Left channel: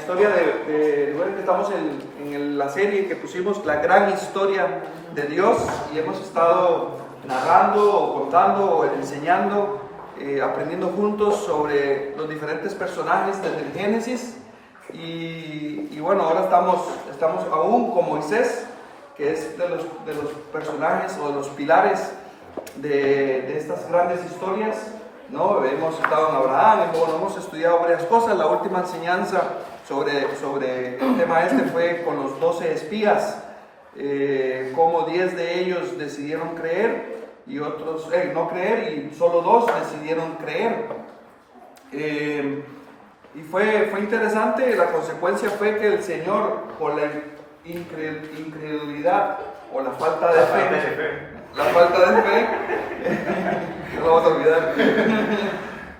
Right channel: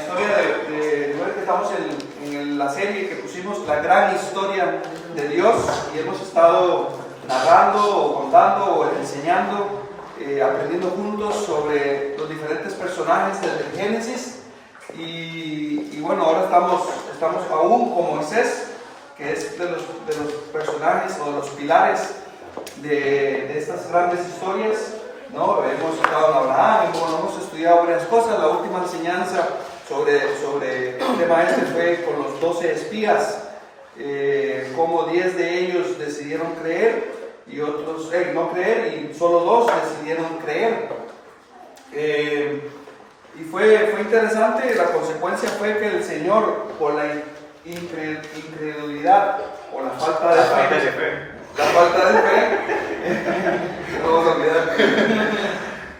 historia recuerden que estamos en la serie que pusimos La Gran Historia de Dios, y hemos estado narrando o contando o enseñando, aprendiendo juntos sobre los diferentes personajes desde el Génesis. Y bueno, ahora estamos aún con Moisés, que es de los personajes o de los pilares de estas grandes historias, ¿no? Hemos estado en Abraham, hemos estudiado varias cosas. La última enseñanza sobre el tema fue con los 12 espías, cómo 10 de ellos decidieron creer y otros no creer, y solo 2 decidieron creer. Y fue interesante. La consecuencia fue que el Señor, por la incredulidad o la falta de fe, no vamos a olvidar,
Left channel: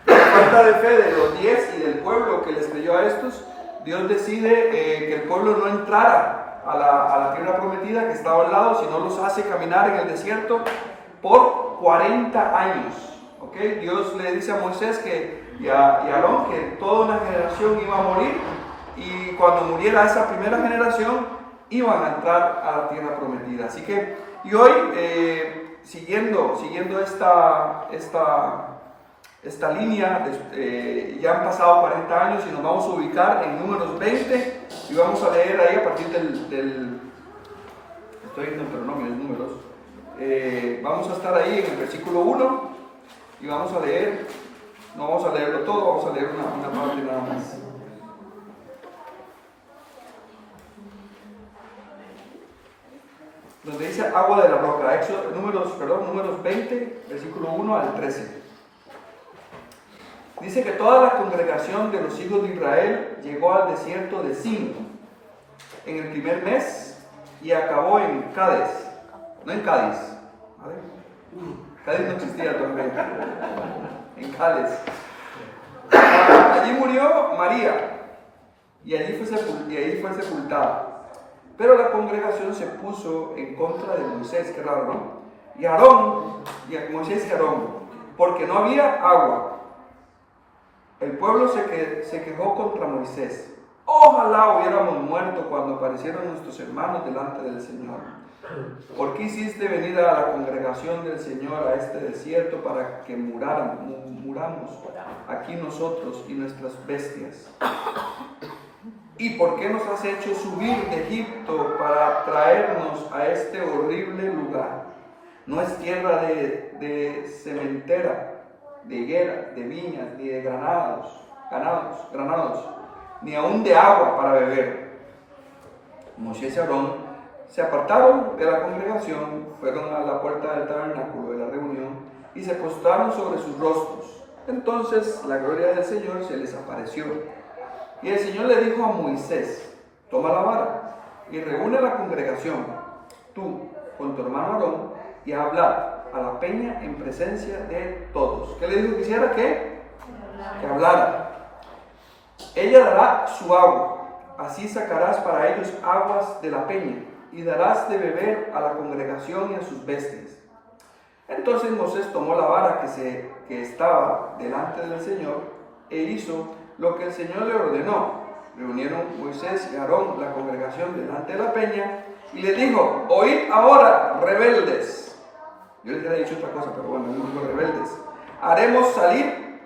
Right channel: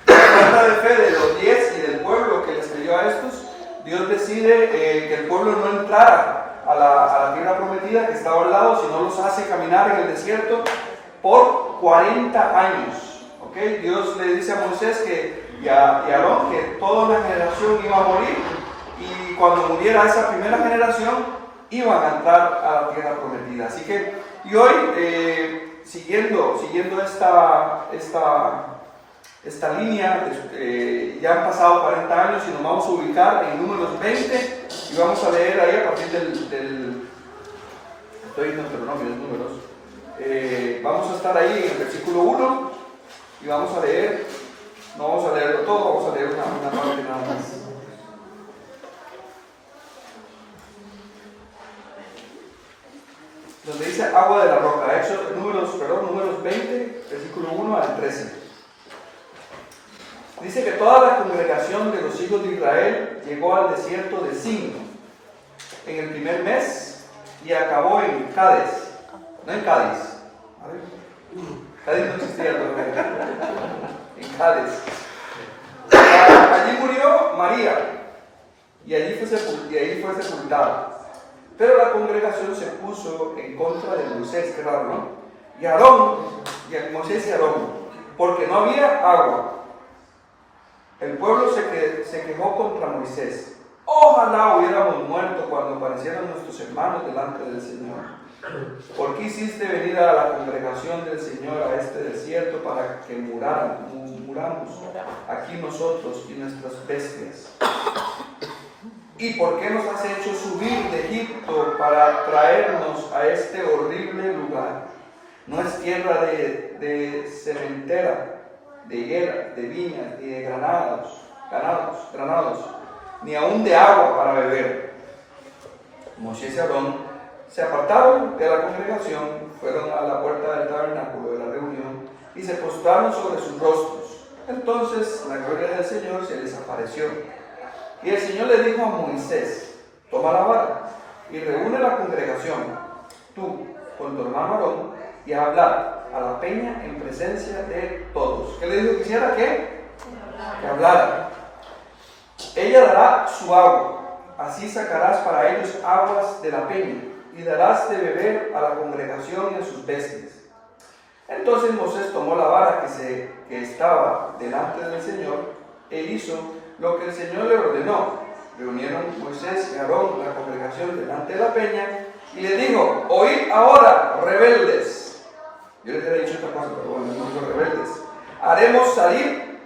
la falta de fe de los 10 y del pueblo que les creyó a estos, Dios decide que el pueblo no entrara a la tierra prometida que estaba al lado, sino los hace caminar en el desierto por 40 años. ¿Okay? Dios le dice a Moisés y a Aarón que toda una generación iba a morir, y cuando muriera esa primera generación iban a entrar a la tierra prometida. Así que, y hoy, siguiendo esta línea, ya han pasado 40 años y nos vamos a ubicar en Números 20, y vamos a leer ahí a partir Números. Vamos a estar ahí en el versículo 1 y vamos a leer, no vamos a leerlo todo, vamos a leer una parte nada más. Donde dice agua de la roca, Números 20, versículo 1 al 13. Dice que toda la congregación de los hijos de Israel llegó al desierto de Sin en el primer mes y acabó en Cádiz, no en Cádiz. ¿Vale? Cádiz no existía todavía. En Cádiz. Allí murió María y allí fue sepultada. Pero la congregación se puso en contra de Moisés, qué raro, ¿no? Moisés y Aarón, porque no había agua. El pueblo se quejó contra Moisés. Ojalá hubiéramos muerto cuando aparecieron nuestros hermanos delante del Señor. ¿Por qué hiciste venir a la congregación del Señor a este desierto para que muramos aquí nosotros y nuestras bestias? ¿Y por qué nos has hecho subir de Egipto para traernos a este horrible lugar? No es tierra de cementera, de higuera, de viñas, ni de granados, ni aún de agua para beber. Moisés y Aarón se apartaron de la congregación, fueron a la puerta del tabernáculo de la reunión y se postraron sobre sus rostros. Entonces la gloria del Señor se les apareció. Y el Señor le dijo a Moisés: toma la vara y reúne la congregación, tú con tu hermano Aarón, y habla a la peña en presencia de todos. ¿Qué le dijo que hiciera? Que hablara. Ella dará su agua, así sacarás para ellos aguas de la peña, y darás de beber a la congregación y a sus bestias. Entonces Moisés tomó la vara que estaba delante del Señor e hizo lo que el Señor le ordenó. Reunieron Moisés y Aarón la congregación delante de la peña y le dijo: oíd ahora, rebeldes. Yo les había dicho otra cosa, pero bueno, dijo rebeldes. Haremos salir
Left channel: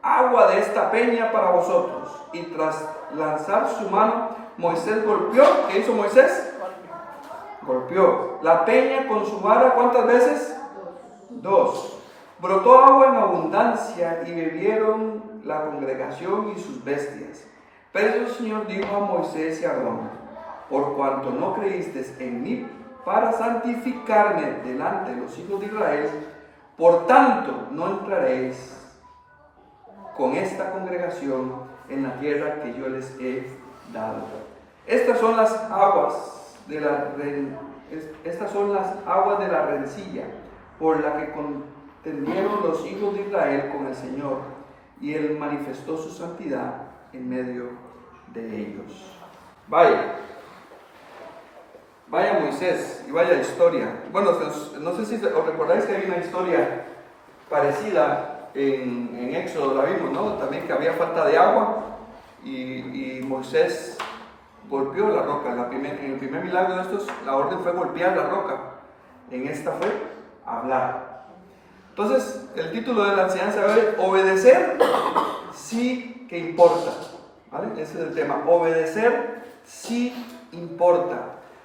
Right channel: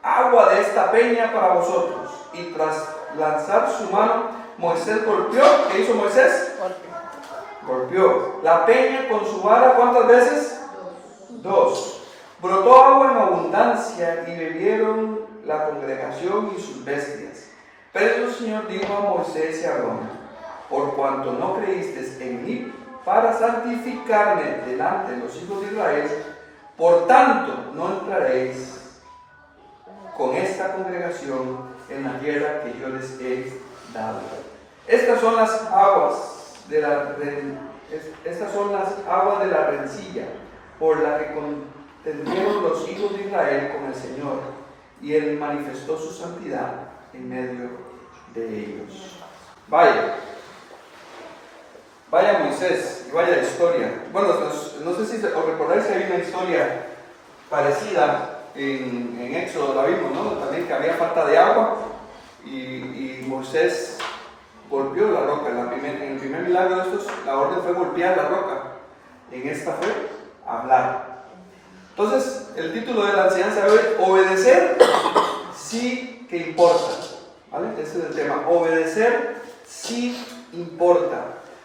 agua de esta peña para vosotros. Y tras lanzar su mano, Moisés golpeó. ¿Qué hizo Moisés? Golpeó la peña con su vara. ¿Cuántas veces? 2. Brotó agua en abundancia y bebieron la congregación y sus bestias. Pero el Señor dijo a Moisés y a Aarón: por cuanto no creísteis en mí para santificarme delante de los hijos de Israel, por tanto no entraréis con esta congregación en la tierra que yo les he dado. Estas son las aguas de la rencilla por la que contendieron los hijos de Israel con el Señor, y él manifestó su santidad en medio de ellos. Vaya Moisés y vaya historia. Bueno, no sé si os recordáis que hay una historia parecida en Éxodo, la vimos, ¿no? También que había falta de agua y Moisés golpeó la roca. En el primer milagro de estos, la orden fue golpear la roca. En esta fue hablar. Entonces, el título de la enseñanza es obedecer sí que importa. ¿Vale? Ese es el tema. Obedecer sí importa.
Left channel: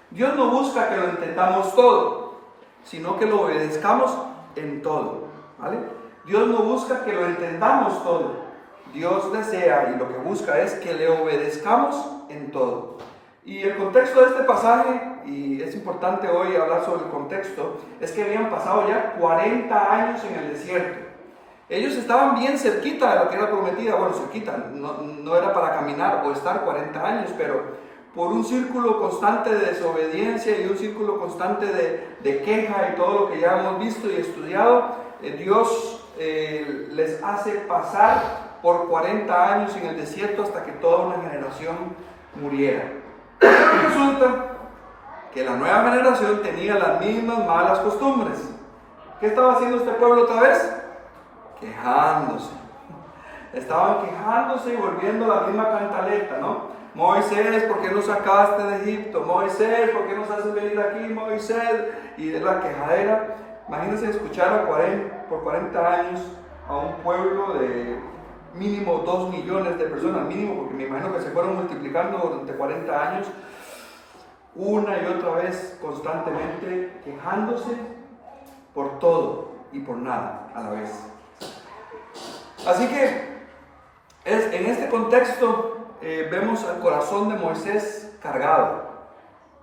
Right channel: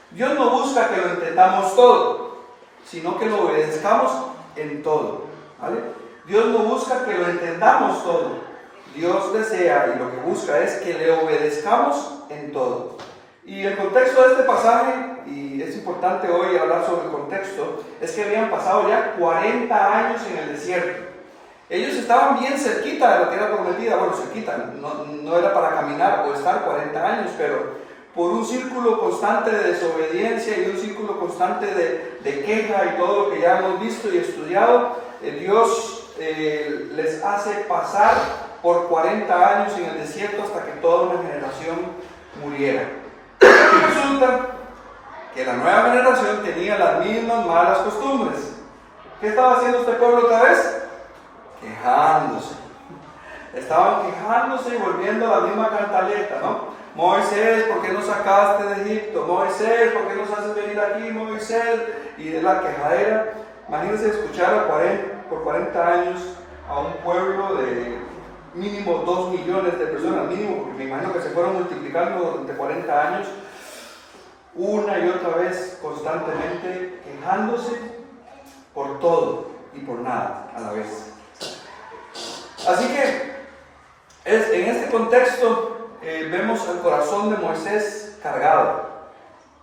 Dios no busca que lo entendamos todo, sino que lo obedezcamos en todo. ¿Vale? Dios no busca que lo entendamos todo. Dios desea y lo que busca es que le obedezcamos en todo. Y el contexto de este pasaje, y es importante hoy hablar sobre el contexto, es que habían pasado ya 40 años en el desierto. Ellos estaban bien cerquita de lo que era prometida, bueno, cerquita, no era para caminar o estar 40 años, pero por un círculo constante de desobediencia y un círculo constante de queja y todo lo que ya hemos visto y estudiado, Dios les hace pasar por 40 años en el desierto hasta que toda una generación muriera. Y resulta que la nueva generación tenía las mismas malas costumbres. ¿Qué estaba haciendo este pueblo otra vez? Quejándose. Estaban quejándose y volviendo a la misma cantaleta, ¿no? Moisés, ¿por qué nos sacaste de Egipto? Moisés, ¿por qué nos haces venir aquí? Moisés. Y de la quejadera. Imagínense escuchar por 40 años a un pueblo de mínimo 2 millones de personas, mínimo, porque me imagino que se fueron multiplicando durante 40 años, una y otra vez constantemente quejándose por todo y por nada a la vez. Así que en este contexto vemos el corazón de Moisés cargado,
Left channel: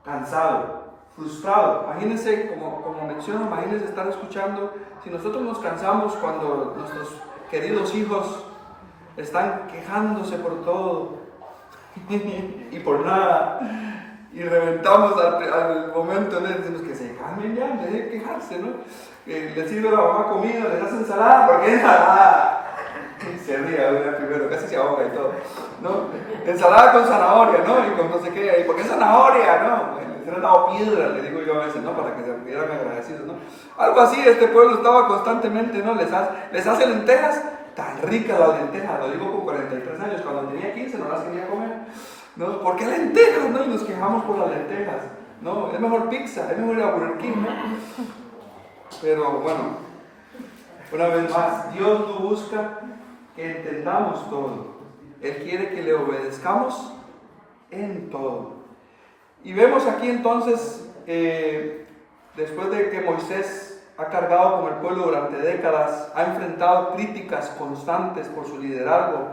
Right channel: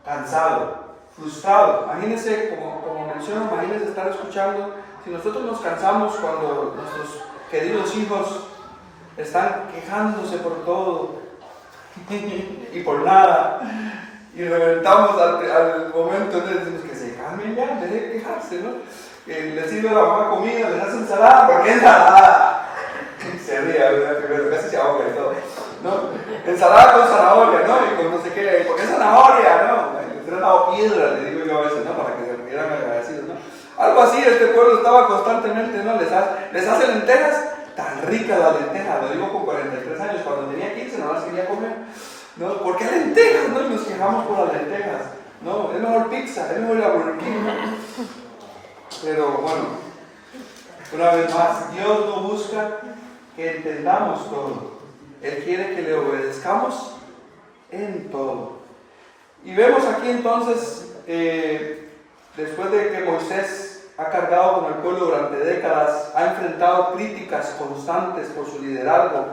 cansado, frustrado. Imagínense, como menciono, imagínense estar escuchando, si nosotros nos cansamos cuando nuestros queridos hijos están quejándose por todo y por nada, y reventamos al momento, les decimos que se calmen ya, dejen de quejarse, ¿no? Les sirve la mamá comida, les hace ensalada, ¿por qué ensalada? Se ríe, ¿verdad? Primero, casi se ahoga y todo, ¿no? Ensalada con zanahoria, ¿no? Y con no sé qué, ¿por qué zanahoria? ¿No? Les han dado piedra, le digo yo a veces, ¿no? Para que se quieran agradecidos, ¿no? Algo así, este pueblo estaba constantemente, ¿no? Les hace lentejas, tan ricas las lentejas, lo digo con 43 años, cuando tenía 15 no las quería comer, ¿no? ¿Por qué lentejas? ¿No? Y nos quejamos por las lentejas, ¿no? Es mejor pizza, es mejor ir a Burger King, ¿no? Pero bueno, una vez más, Dios no busca que entendamos todo. Él quiere que le obedezcamos en todo. Y vemos aquí entonces, después de que Moisés ha cargado con el pueblo durante décadas, ha enfrentado críticas constantes por su liderazgo,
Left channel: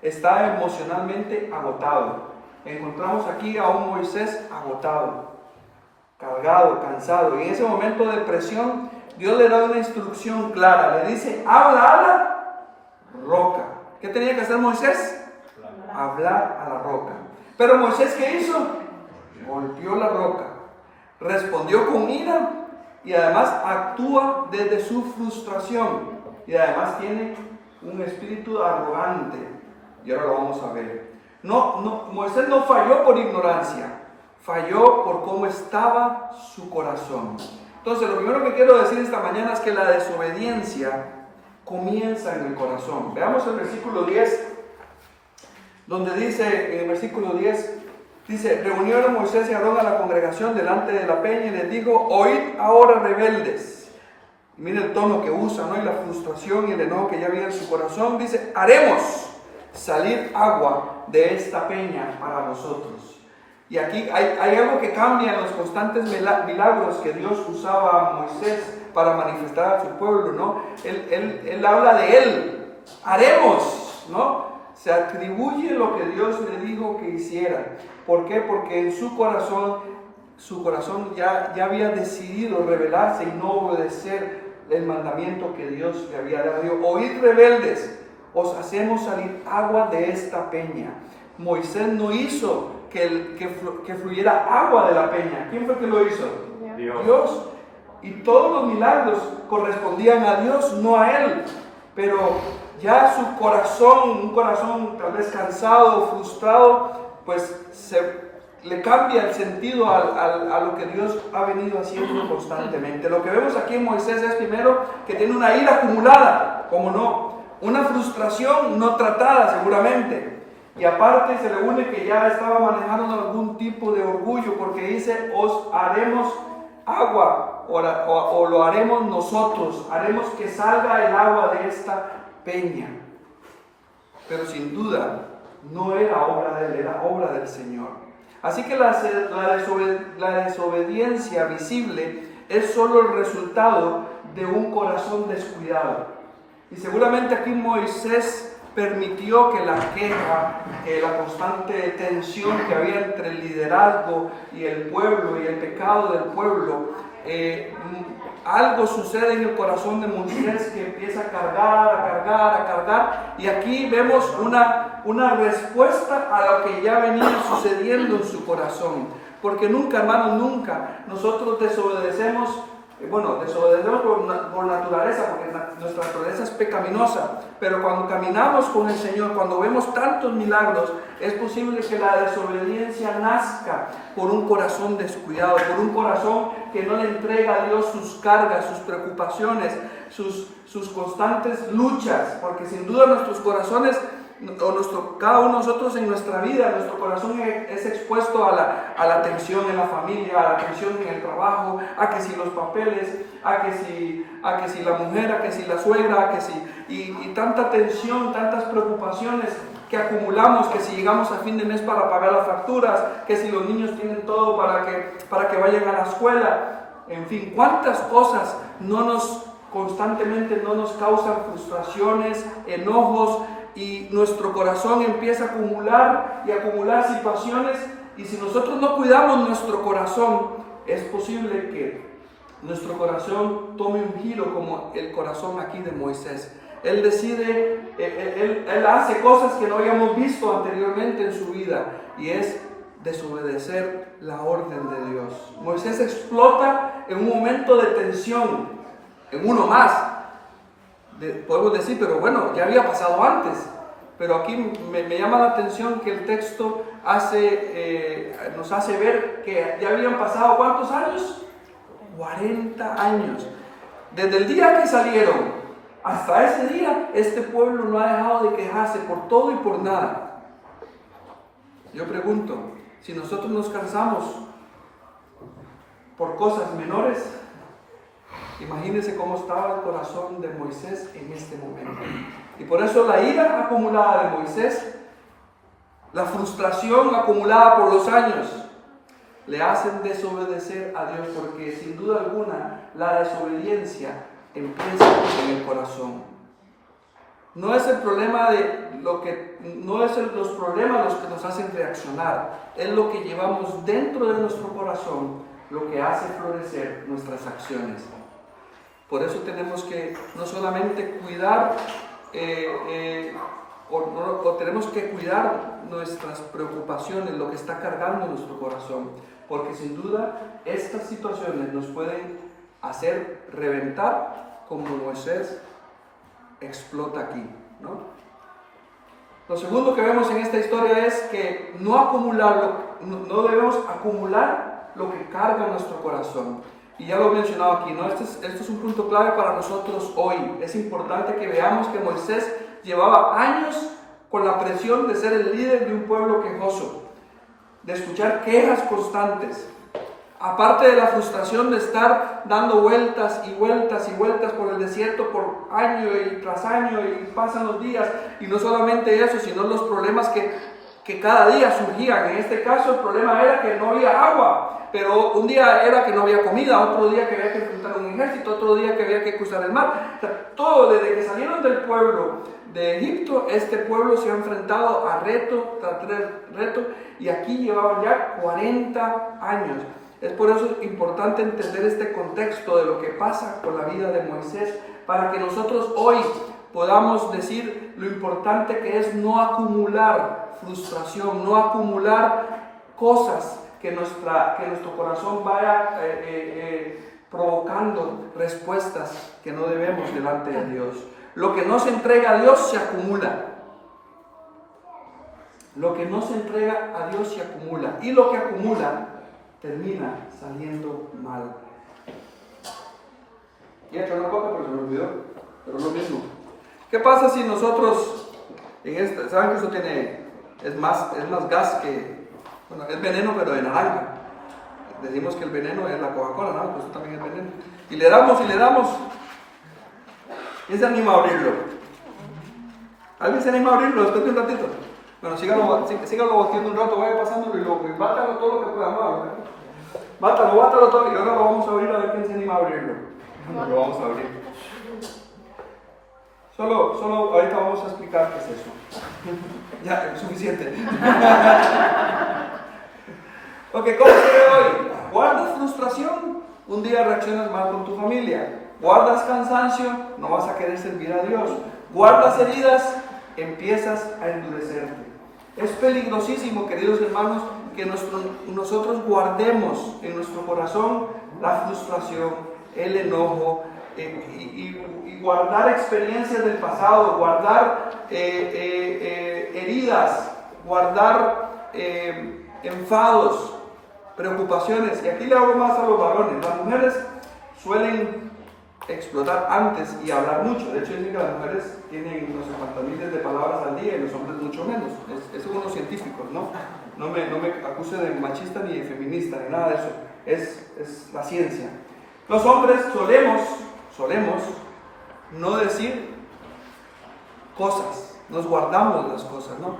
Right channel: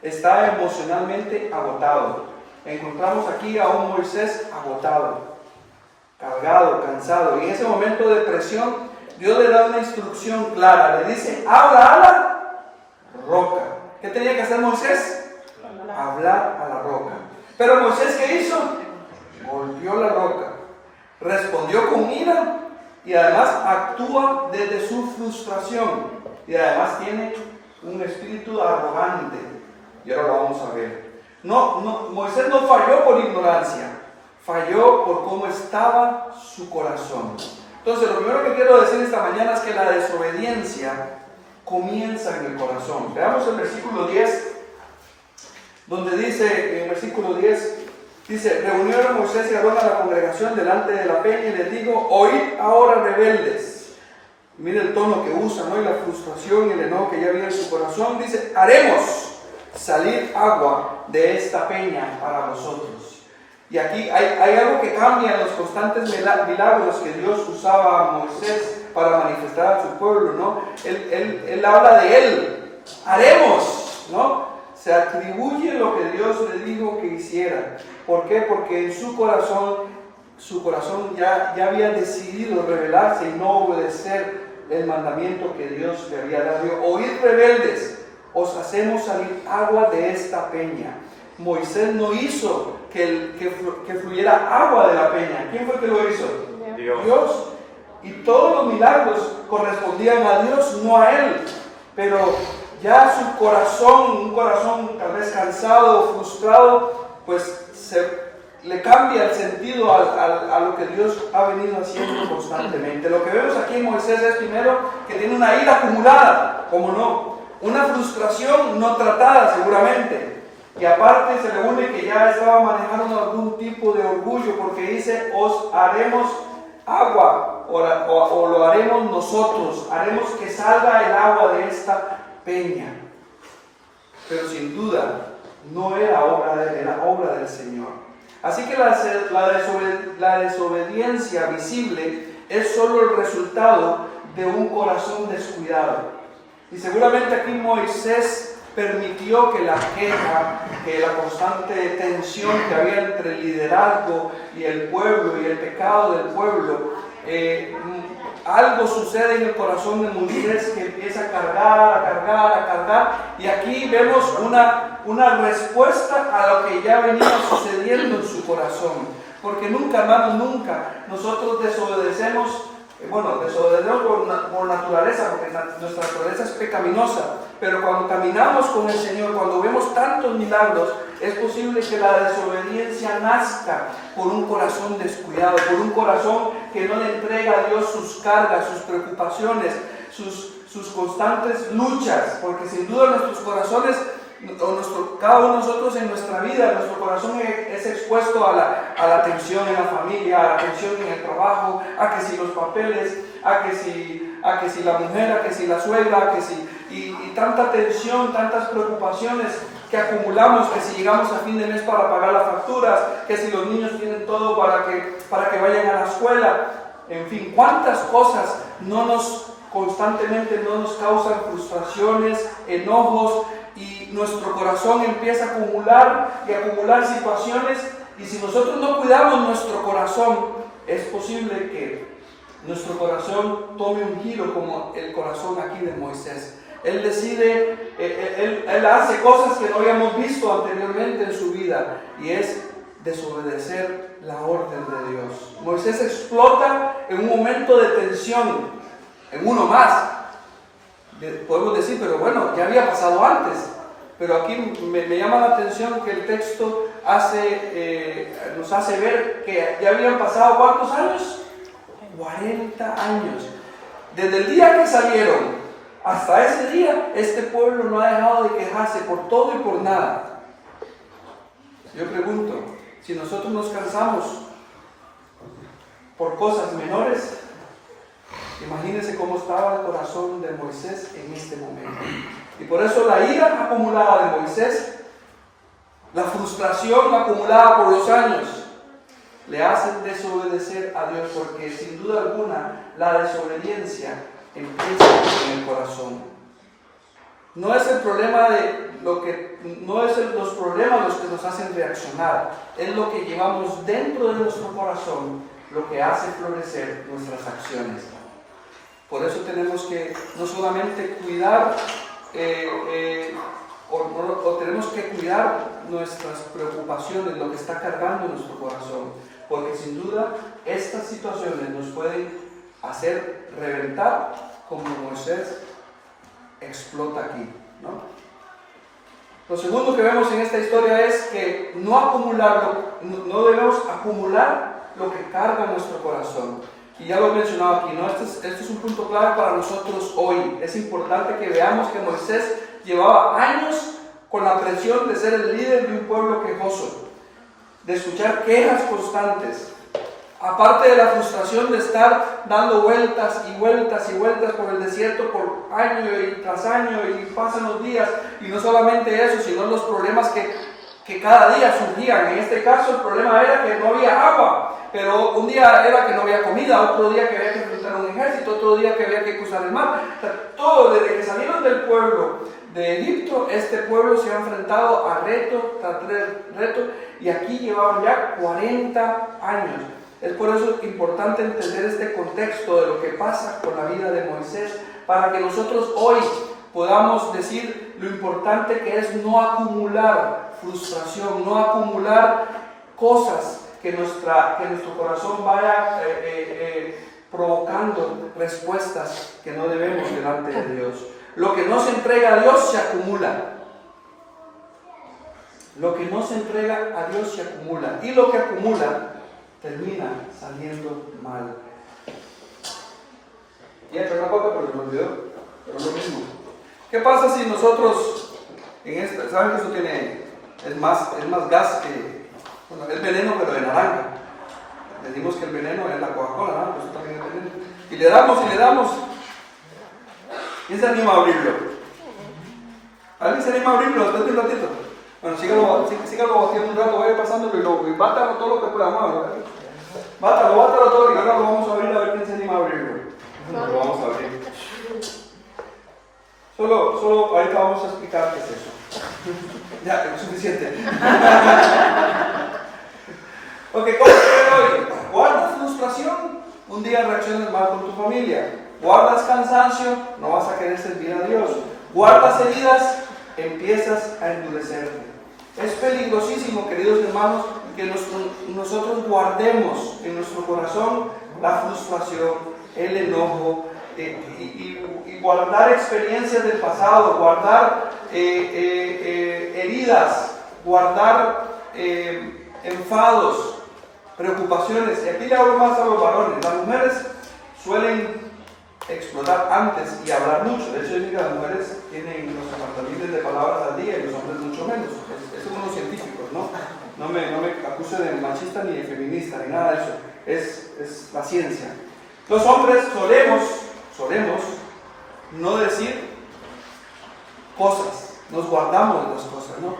está emocionalmente agotado. Encontramos aquí a un Moisés agotado, cargado, cansado. Y en ese momento de presión, Dios le da una instrucción clara. Le dice, habla a la roca. ¿Qué tenía que hacer Moisés? Hablar a la roca. Pero Moisés, ¿qué hizo? Golpeó la roca. Respondió con ira y además actúa desde su frustración. Y además tiene un espíritu arrogante. Y ahora lo vamos a ver. Moisés no falló por ignorancia. Falló por cómo estaba su corazón. Entonces, lo primero que quiero decir esta mañana es que la desobediencia comienza en el corazón. Veamos el versículo 10, donde dice, en el versículo 10, dice, reunieron Moisés y Aarón a la congregación delante de la peña y les digo, oíd ahora rebeldes. Mire el tono que usa, ¿no? Y la frustración y el enojo que ya viene en su corazón. Dice, haremos salir agua de esta peña para vosotros. Y aquí hay algo que cambia en los constantes milagros que Dios usaba a Moisés para manifestar a su pueblo, ¿no? Él habla de él, haremos, ¿no? Se atribuye lo que Dios le dijo que hiciera. ¿Por qué? Porque en su corazón ya había decidido rebelarse y no obedecer el mandamiento que Dios le había dado. Oíd rebeldes, os hacemos salir agua de esta peña. Moisés no hizo que fluyera agua de la peña. ¿Quién fue que lo hizo? Dios. Y todos los milagros correspondían a Dios, no a él. Pero ya su corazón, un corazón tal vez cansado, frustrado, pues le cambia el sentido a lo que Dios ha venido haciendo constantemente. Lo que vemos aquí en Moisés es primero que tiene una ira acumulada, ¿cómo no? Una frustración no tratada seguramente. Y aparte se le une que ya estaba manejando algún tipo de orgullo, porque dice, os haremos agua, o lo haremos nosotros, haremos que salga el agua de esta peña. Pero sin duda no era obra de él, era obra del Señor. Así que la desobediencia visible es solo el resultado de un corazón descuidado. Y seguramente aquí Moisés permitió que la queja, que la constante tensión que había entre el liderazgo y el pueblo y el pecado del pueblo, algo sucede en el corazón de Moisés que empieza a cargar, y aquí vemos una respuesta a lo que ya venía sucediendo en su corazón, porque nunca, hermanos, nunca nosotros desobedecemos por naturaleza, porque nuestra naturaleza es pecaminosa, pero cuando caminamos con el Señor, cuando vemos tantos milagros, es posible que la desobediencia nazca por un corazón descuidado, por un corazón que no le entrega a Dios sus cargas, sus preocupaciones, sus constantes luchas, porque sin duda nuestros corazones, cada uno de nosotros en nuestra vida, nuestro corazón es expuesto a la tensión en la familia, a la tensión en el trabajo, a que si los papeles, a que si la mujer, a que si la suegra, y tanta tensión, tantas preocupaciones que acumulamos, que si llegamos a fin de mes para pagar las facturas, que si los niños tienen todo para que vayan a la escuela, en fin, cuántas cosas constantemente no nos causan frustraciones, enojos, y nuestro corazón empieza a acumular situaciones, y si nosotros no cuidamos nuestro corazón, es posible que nuestro corazón tome un giro como el corazón aquí de Moisés. Él decide, él hace cosas que no habíamos visto anteriormente en su vida, y es desobedecer la orden de Dios. Moisés explota en un momento de tensión, en uno más. Podemos decir, pero bueno, ya había pasado antes. Pero aquí me llama la atención que el texto nos hace ver que ya habían pasado ¿cuántos años? 40 años. Desde el día que salieron hasta ese día, este pueblo no ha dejado de quejarse por todo y por nada. Yo pregunto, si nosotros nos cansamos por cosas menores, imagínense cómo estaba el corazón de Moisés en este momento. Y por eso la ira acumulada de Moisés, la frustración acumulada por los años, le hacen desobedecer a Dios, porque sin duda alguna la desobediencia empieza en el corazón. No es el problema los problemas los que nos hacen reaccionar, es lo que llevamos dentro de nuestro corazón lo que hace florecer nuestras acciones. Por eso tenemos que no solamente cuidar, tenemos que cuidar nuestras preocupaciones, lo que está cargando en nuestro corazón, porque sin duda estas situaciones nos pueden hacer reventar como Moisés explota aquí, ¿no? Lo segundo que vemos en esta historia es que no debemos acumular lo que carga nuestro corazón. Y ya lo he mencionado aquí, ¿no? Esto es un punto clave para nosotros hoy. Es importante que veamos que Moisés llevaba años con la presión de ser el líder de un pueblo quejoso, de escuchar quejas constantes, aparte de la frustración de estar dando vueltas y vueltas y vueltas por el desierto por año y tras año, y pasan los días, y no solamente eso, sino los problemas que cada día surgían. En este caso el problema era que no había agua, pero un día era que no había comida, otro día que había que enfrentar un ejército, otro día que había que cruzar el mar. O sea, todo, desde que salieron del pueblo de Egipto, este pueblo se ha enfrentado a reto tras reto, y aquí llevaban ya 40 años. Es por eso importante entender este contexto de lo que pasa con la vida de Moisés, para que nosotros hoy podamos decir lo importante que es no acumular frustración, no acumular cosas que nuestro corazón vaya provocando respuestas que no debemos delante de Dios. Lo que no se entrega a Dios se acumula. Lo que no se entrega a Dios se acumula. Y lo que acumula termina saliendo mal. Y entra una cosa, pero se me olvidó. Pero es lo mismo. ¿Qué pasa si nosotros, saben que eso tiene Es más gas que, bueno, es veneno pero de naranja. Decimos que el veneno es la Coca-Cola, ¿no? Pues eso también es veneno. Y le damos. ¿Quién se anima a abrirlo? ¿Alguien se anima a abrirlo después de un ratito? Bueno, sígalo batiendo un rato, vaya pasándolo y bátalo todo lo que pueda. Bátalo todo y ahora lo vamos a abrir a ver quién se anima a abrirlo. No lo vamos a abrir. Solo ahorita vamos a explicar qué es eso. Ya, es suficiente. Ok, ¿cómo se ve hoy? ¿Guardas frustración? Un día reaccionas mal con tu familia. ¿Guardas cansancio? No vas a querer servir a Dios. ¿Guardas heridas? Empiezas a endurecerte. Es peligrosísimo, queridos hermanos, que nosotros guardemos en nuestro corazón la frustración, el enojo, y guardar experiencias del pasado, guardar heridas, guardar enfados, preocupaciones. Y aquí le hablo más a los varones. Las mujeres suelen explotar antes y hablar mucho. De hecho, yo digo que las mujeres tienen los 50.000 de palabras al día y los hombres mucho menos. Es según los científicos, ¿no? No me acuse de machista ni de feminista ni nada de eso. Es la ciencia. Los hombres solemos no decir cosas, nos guardamos las cosas, ¿no?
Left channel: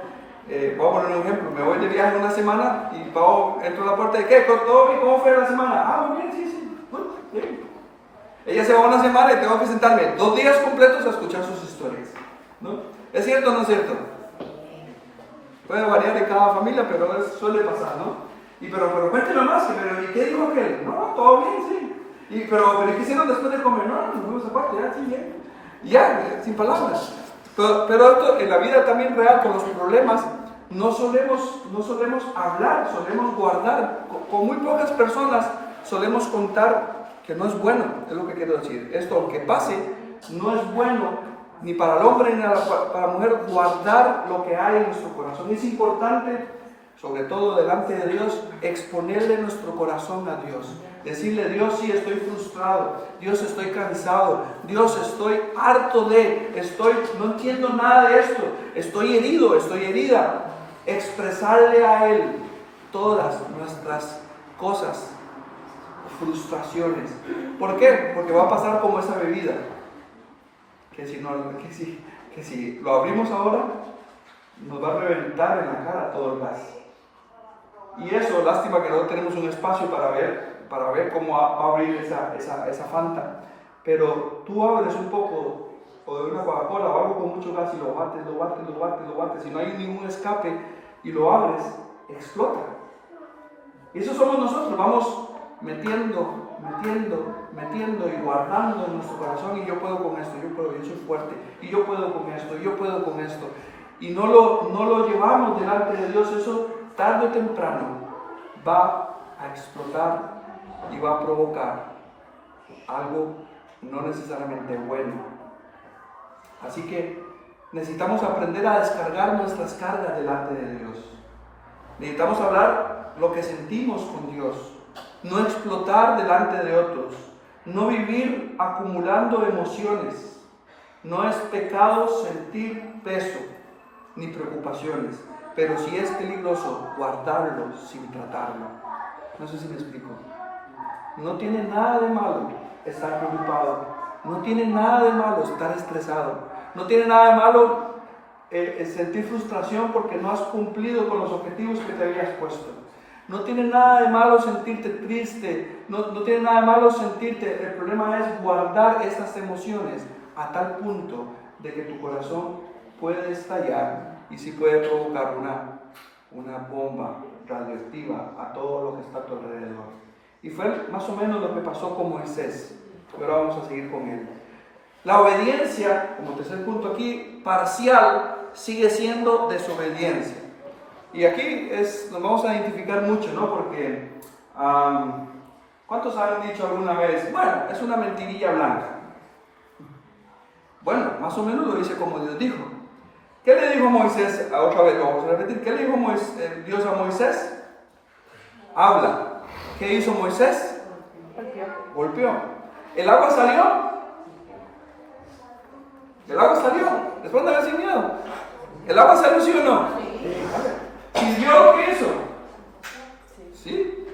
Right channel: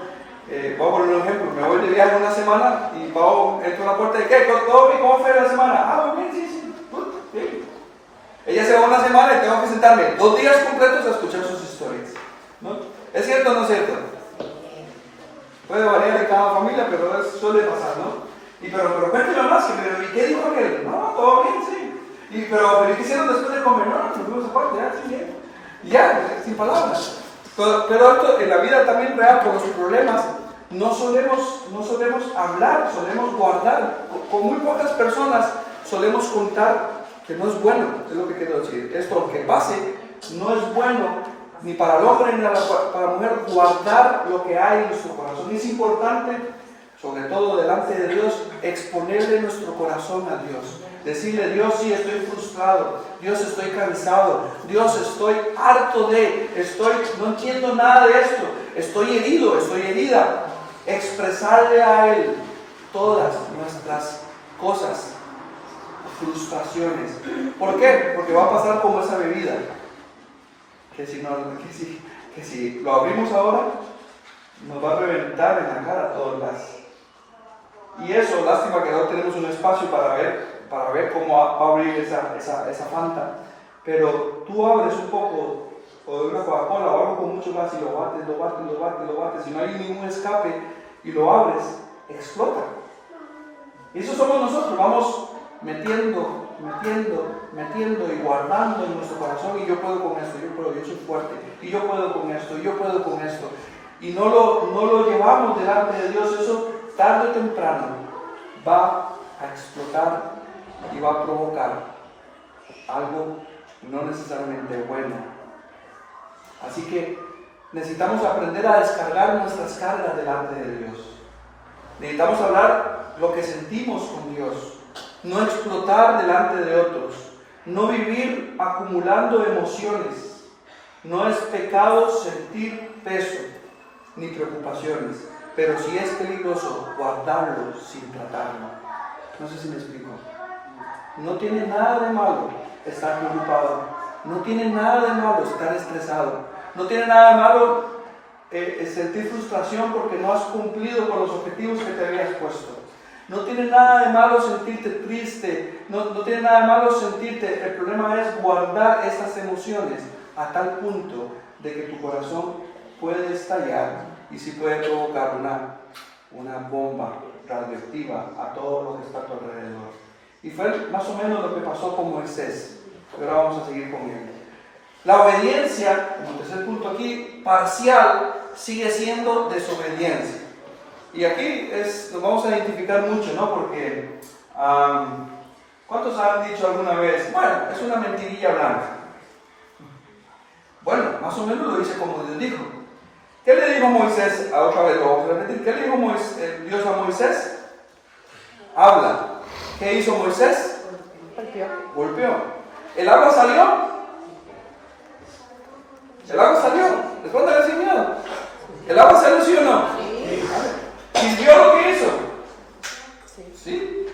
Voy a poner un ejemplo. Me voy de viaje una semana y entro a la puerta de ¿qué? ¿Todo bien? ¿Cómo fue la semana? Ah, muy bien, sí. Bien. Ella se va una semana y tengo que sentarme 2 días completos a escuchar sus historias, ¿no? ¿Es cierto o no es cierto? Puede variar en cada familia, pero suele pasar, ¿no? Pero cuénteme más, ¿y qué dijo aquel? No, todo bien, sí. Pero ¿qué hicieron después de comer? No, nos fuimos aparte, ya, sí, bien. Ya, sin palabras. Pero esto en la vida también real, con los problemas, no solemos hablar, solemos guardar. Con muy pocas personas solemos contar que no es bueno, es lo que quiero decir. Esto, aunque pase, no es bueno ni para el hombre ni para la mujer guardar lo que hay en nuestro corazón. Es importante, sobre todo delante de Dios, exponerle nuestro corazón a Dios. Decirle: Dios, sí, estoy frustrado, Dios, estoy cansado, Dios, estoy harto no entiendo nada de esto, estoy herido, estoy herida. Expresarle a Él todas nuestras cosas, frustraciones. ¿Por qué? Porque va a pasar como esa bebida, que si lo abrimos ahora, nos va a reventar en la cara todo el gas. Y eso, lástima que no tenemos un espacio para ver cómo va a abrir esa Fanta. Pero tú abres un poco, o de una Coca-Cola o algo con mucho gas, y lo bates, si no hay ningún escape y lo abres, explota. Y eso somos nosotros, vamos metiendo y guardando en nuestro corazón: y yo puedo con esto, yo soy fuerte, y yo puedo con esto, y no lo llevamos delante de Dios. Eso tarde o temprano va a explotar y va a provocar algo no necesariamente bueno. Así que necesitamos aprender a descargar nuestras cargas delante de Dios. Necesitamos hablar lo que sentimos con Dios, no explotar delante de otros, no vivir acumulando emociones. No es pecado sentir peso ni preocupaciones, pero sí es peligroso guardarlos sin tratarlo. No sé si me explico. No tiene nada de malo estar preocupado, no tiene nada de malo estar estresado, no tiene nada de malo sentir frustración porque no has cumplido con los objetivos que te habías puesto. No tiene nada de malo sentirte triste, no tiene nada de malo sentirte. El problema es guardar esas emociones a tal punto de que tu corazón puede estallar y sí puede provocar una bomba radioactiva a todo lo que está a tu alrededor. Y fue más o menos lo que pasó con Moisés. Y ahora vamos a seguir con él. La obediencia, como tercer punto aquí, parcial, sigue siendo desobediencia. Y aquí nos vamos a identificar mucho, ¿no? Porque, ¿cuántos han dicho alguna vez? Bueno, es una mentirilla blanca. Bueno, más o menos lo dice como Dios dijo. ¿Qué le dijo Moisés? Otra vez lo vamos a repetir. ¿Qué le dijo Dios a Moisés? Habla. ¿Qué hizo Moisés? Golpeó. ¿El agua salió? ¿El agua salió? Respóndale sin miedo. ¿El agua salió, sí o no? Sí. ¿Sirvió lo que hizo? Sí.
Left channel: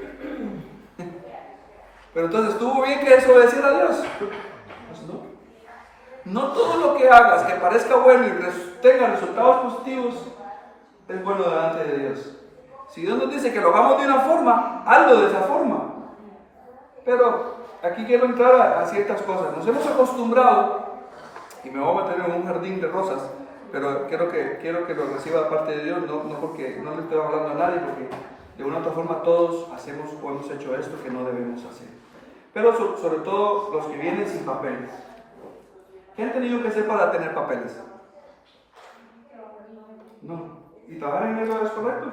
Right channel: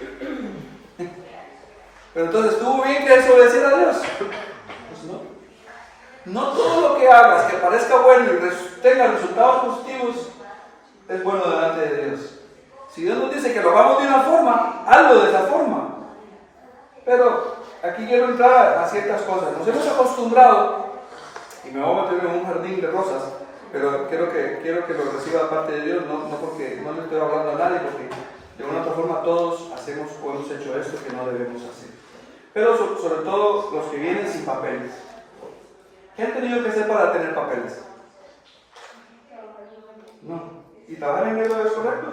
Pero entonces, ¿estuvo bien que desobedeciera a Dios? Pues no. No todo lo que hagas que parezca bueno y tenga resultados positivos es bueno delante de Dios. Si Dios nos dice que lo hagamos de una forma, hazlo de esa forma. Pero aquí quiero entrar a ciertas cosas. Nos hemos acostumbrado, y me voy a meter en un jardín de rosas, pero quiero que lo reciba de parte de Dios, no porque no le estoy hablando a nadie, porque de una u otra forma todos hacemos o hemos hecho esto que no debemos hacer. Pero sobre todo los que vienen sin papeles. ¿Qué han tenido que hacer para tener papeles? No. ¿Y trabajar en enero es correcto?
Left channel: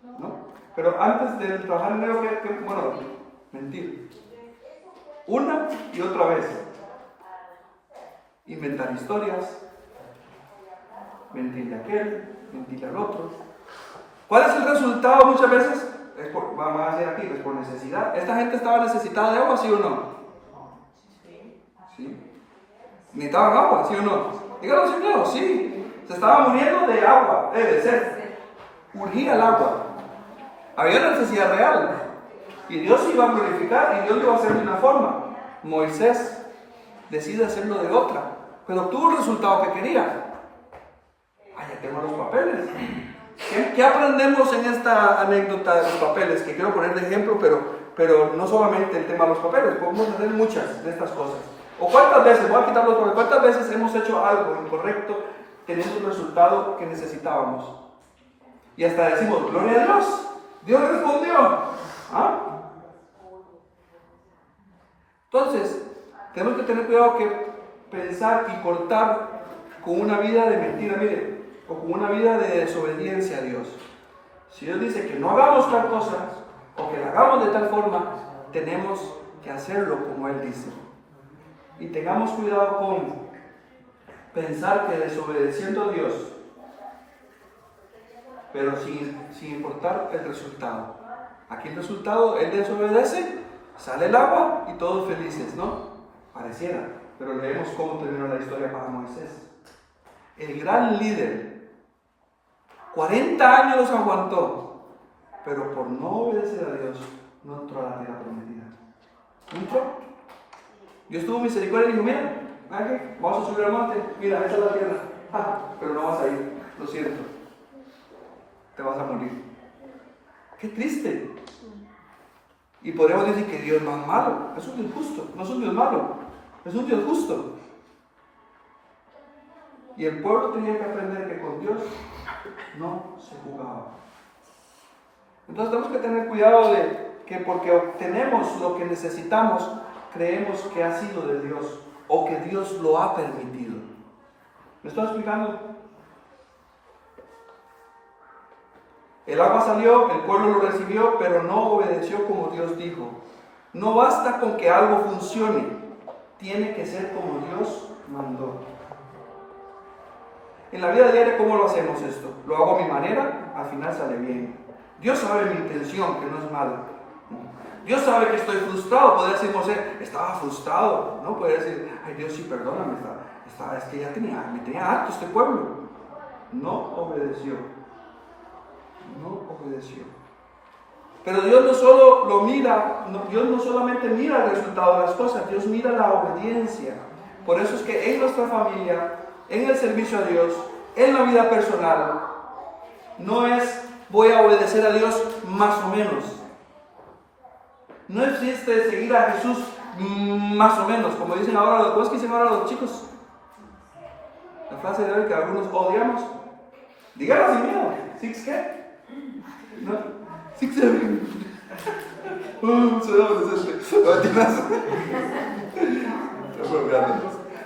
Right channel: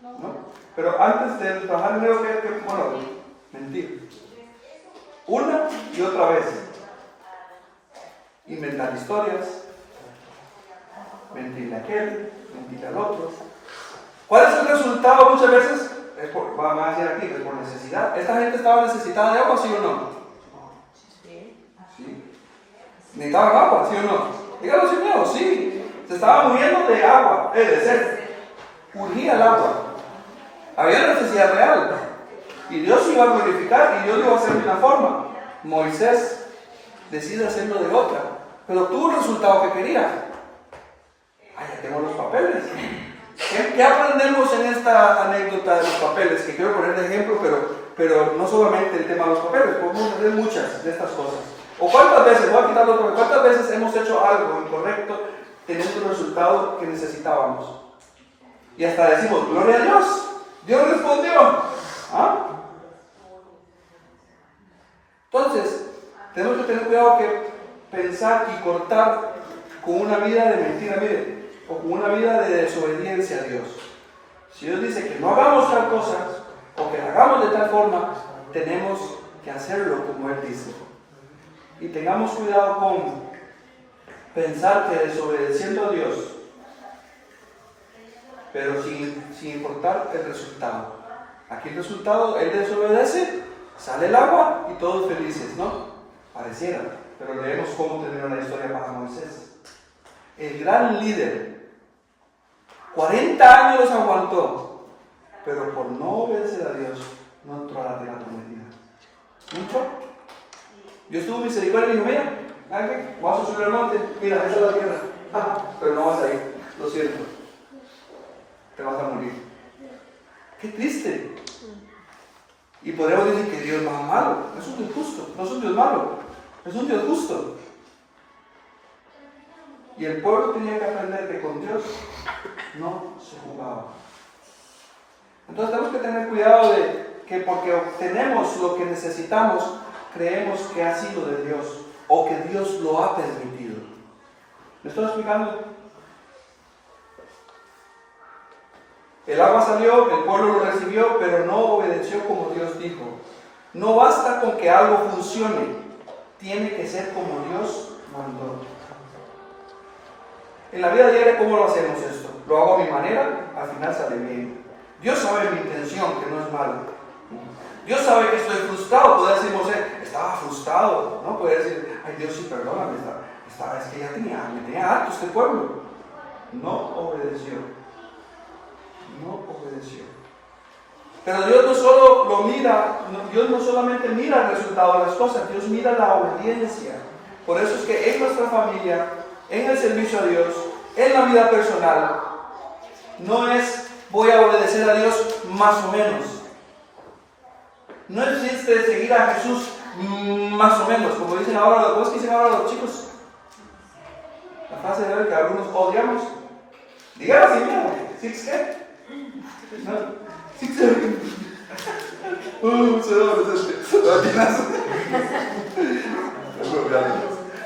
No. Pero antes de trabajar en enero, bueno, mentir. Una y otra vez. Inventar historias. Mentirle a aquel, mentirle al otro. ¿Cuál es el resultado muchas veces? Vamos a decir aquí, es por necesidad. ¿Esta gente estaba necesitada de agua, sí o no? Sí. ¿Necesitaban agua, sí o no? Díganlo sin miedo, sí. Se estaba muriendo de agua, de sed. Urgía el agua. Había una necesidad real. Y Dios iba a glorificar y Dios lo iba a hacer de una forma. Moisés decide hacerlo de otra, pero obtuvo el resultado que quería. Ahí ya tengo los papeles. ¿Qué aprendemos en esta anécdota de los papeles? Que quiero poner de ejemplo, pero no solamente el tema de los papeles, podemos hacer muchas de estas cosas. O cuántas veces, voy a quitar los papeles, cuántas veces hemos hecho algo incorrecto teniendo el resultado que necesitábamos. Y hasta decimos, gloria a Dios, Dios respondió. ¿Ah? Entonces, tenemos que tener cuidado que pensar y cortar con una vida de mentira, mire, o con una vida de desobediencia a Dios. Si Dios dice que no hagamos tal cosa, o que la hagamos de tal forma, tenemos que hacerlo como Él dice. Y tengamos cuidado con pensar que desobedeciendo a Dios, pero sin importar el resultado. Aquí el resultado, Él desobedece, sale el agua y todos felices, ¿no? Pareciera, pero leemos cómo terminó la historia para Moisés. El gran líder, 40 años aguantó, pero por no obedecer a Dios, no entró a la tierra prometida. ¿No entró? Dios tuvo misericordia y dijo, mira, vamos a subir al monte, mira, entra a la tierra. Pero no vas a ir, lo siento, te vas a morir. Qué triste. Y podríamos decir que Dios no es malo, es un Dios justo, no es un Dios malo, es un Dios justo. Y el pueblo tenía que aprender que con Dios no se jugaba. Entonces tenemos que tener cuidado de que porque obtenemos lo que necesitamos, creemos que ha sido de Dios o que Dios lo ha permitido. ¿Me estoy explicando? El agua salió, el pueblo lo recibió, pero no obedeció como Dios dijo. No basta con que algo funcione, tiene que ser como Dios mandó. En la vida diaria, ¿cómo lo hacemos esto? Lo hago a mi manera, al final sale bien. Dios sabe mi intención, que no es mala. Dios sabe que estoy frustrado. Podría decir Moisés, estaba frustrado. No puede decir, ay Dios, sí, perdóname, es que me tenía harto este pueblo. No obedeció. No obedeció. Pero Dios no solo lo mira, Dios no solamente mira el resultado de las cosas, Dios mira la obediencia. Por eso es que en nuestra familia, en el servicio a Dios, en la vida personal, no es voy a obedecer a Dios más o menos. No existe seguir a Jesús más o menos, como dicen ahora, ¿cómo es que dicen ahora los chicos? La frase de hoy que algunos odiamos. Díganlo así, mira, ¿six qué? ¿No? ¿Six qué? Soy adolescente.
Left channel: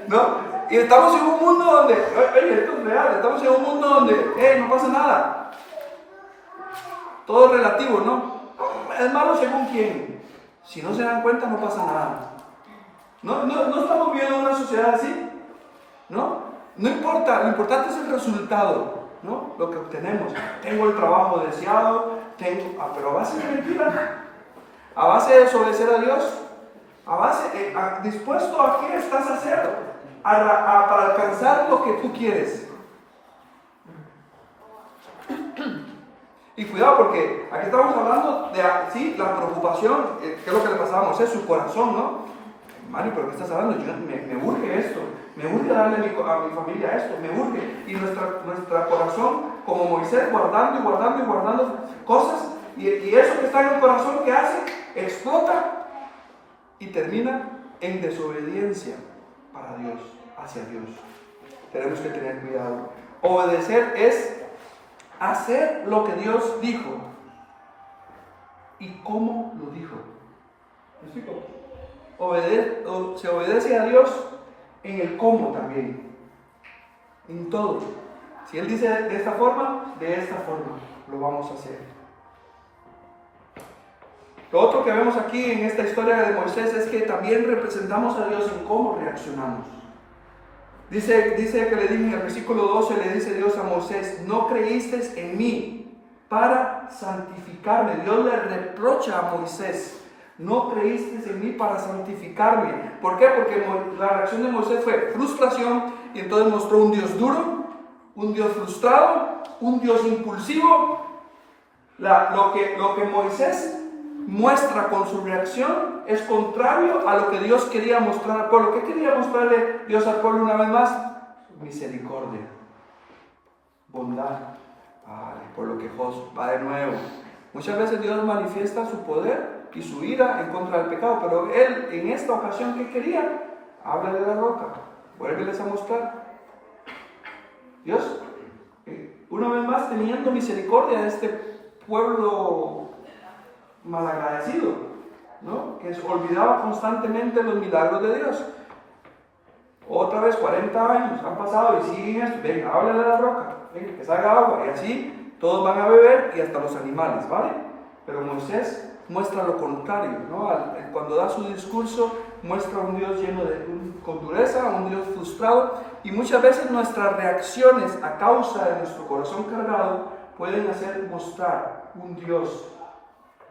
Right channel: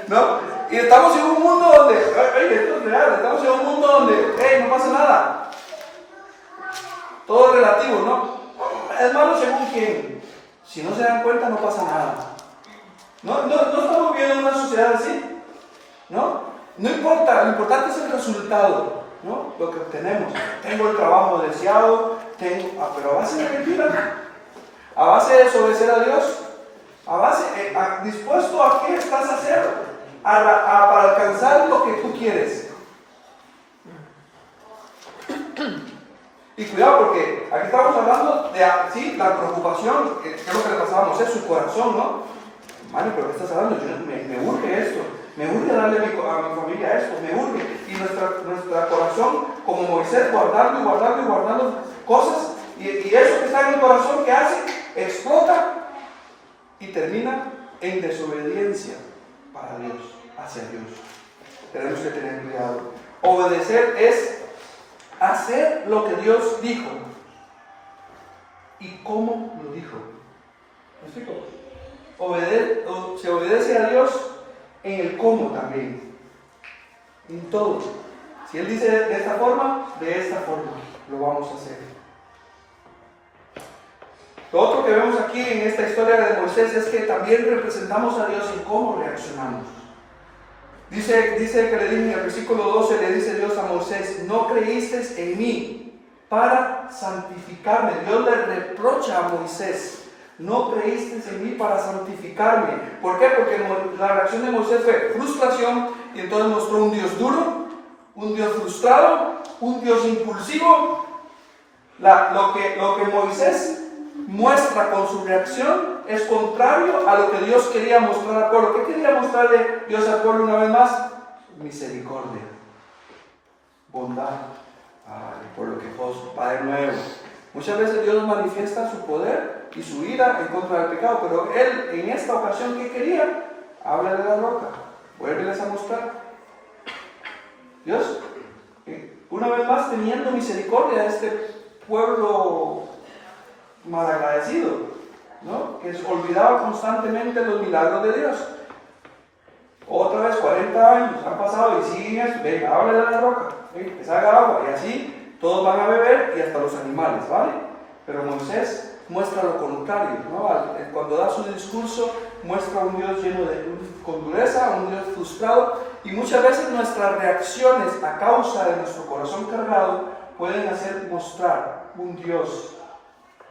¿No? Y estamos en un mundo donde, esto es real, estamos en un mundo donde, no pasa nada. Todo relativo, ¿no? Es malo según quién. Si no se dan cuenta, no pasa nada. No estamos viviendo en una sociedad así, ¿no? No importa, lo importante es el resultado, ¿no? Lo que obtenemos. Tengo el trabajo deseado, pero a base de mentira, a base de desobedecer a Dios, a base, dispuesto a qué estás a hacer. Para alcanzar lo que tú quieres. Y cuidado porque aquí estamos hablando de, sí, la preocupación, que es lo que le pasaba a Moisés, su corazón, ¿no? Mario, ¿pero qué estás hablando? Me urge esto, me urge darle a mi familia esto, me urge. Y nuestro corazón, como Moisés, guardando y guardando y guardando cosas, y eso que está en el corazón, ¿qué hace? Explota y termina en desobediencia para Dios, hacia Dios. Tenemos que tener cuidado. Obedecer es hacer lo que Dios dijo. ¿Y cómo lo dijo? ¿Me explico? Se obedece a Dios en el cómo también. En todo. Si Él dice de esta forma lo vamos a hacer. Lo otro que vemos aquí en esta historia de Moisés es que también representamos a Dios en cómo reaccionamos. Dice que le dije en el versículo 12, le dice Dios a Moisés: no creíste en mí para santificarme. Dios le reprocha a Moisés: no creíste en mí para santificarme. ¿Por qué? Porque la reacción de Moisés fue frustración, y entonces mostró un Dios duro, un Dios frustrado, un Dios impulsivo. Lo que Moisés muestra con su reacción es contrario a lo que Dios quería mostrar al pueblo. ¿Qué quería mostrarle Dios al pueblo una vez más? Misericordia, bondad. El pueblo quejoso va de nuevo. Muchas veces Dios manifiesta su poder y su ira en contra del pecado, pero Él en esta ocasión, ¿qué quería? Habla de la roca, vuélveles a mostrar. Dios, una vez más, teniendo misericordia de este pueblo malagradecido, ¿no? Que olvidaba constantemente los milagros de Dios. Otra vez 40 años han pasado y siguen esto. Venga, háblale a la roca, que salga agua, y así todos van a beber, y hasta los animales, ¿vale? Pero Moisés muestra lo contrario, ¿no? Cuando da su discurso, muestra un Dios con dureza, un Dios frustrado, y muchas veces nuestras reacciones a causa de nuestro corazón cargado pueden hacer mostrar un Dios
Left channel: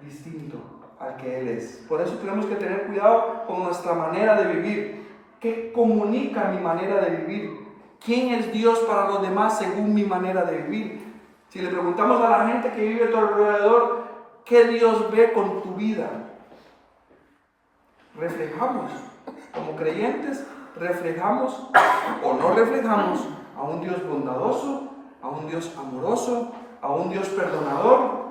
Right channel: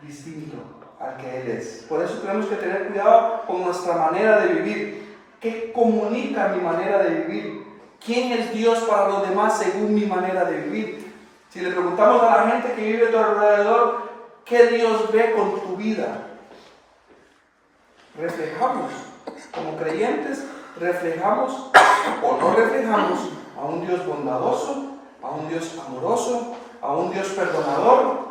distinto al que Él es. Por eso tenemos que tener cuidado con nuestra manera de vivir. ¿Qué comunica mi manera de vivir? ¿Quién es Dios para los demás según mi manera de vivir? Si le preguntamos a la gente que vive a tu alrededor, ¿qué Dios ve con tu vida? Reflejamos, como creyentes, reflejamos o no reflejamos a un Dios bondadoso, a un Dios amoroso, a un Dios perdonador,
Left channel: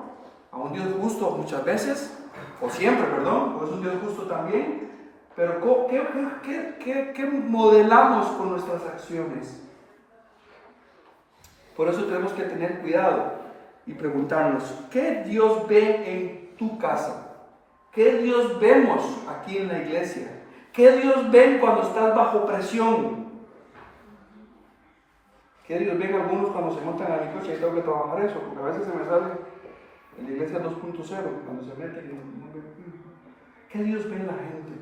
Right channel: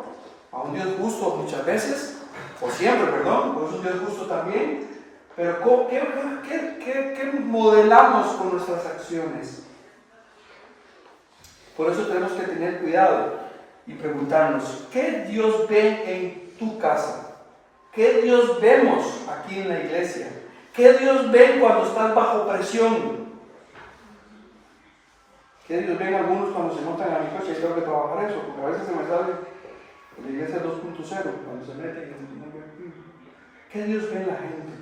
a un Dios justo muchas veces, o siempre, perdón, porque es un Dios justo también. Pero ¿qué modelamos con nuestras acciones? Por eso tenemos que tener cuidado y preguntarnos: ¿qué Dios ve en tu casa? ¿Qué Dios vemos aquí en la iglesia? ¿Qué Dios ve cuando estás bajo presión? ¿Qué Dios ven algunos cuando se montan a mi coche y tengo que trabajar eso? Porque a veces se me sale en la iglesia 2.0, cuando se meten. ¿Qué Dios ve en la gente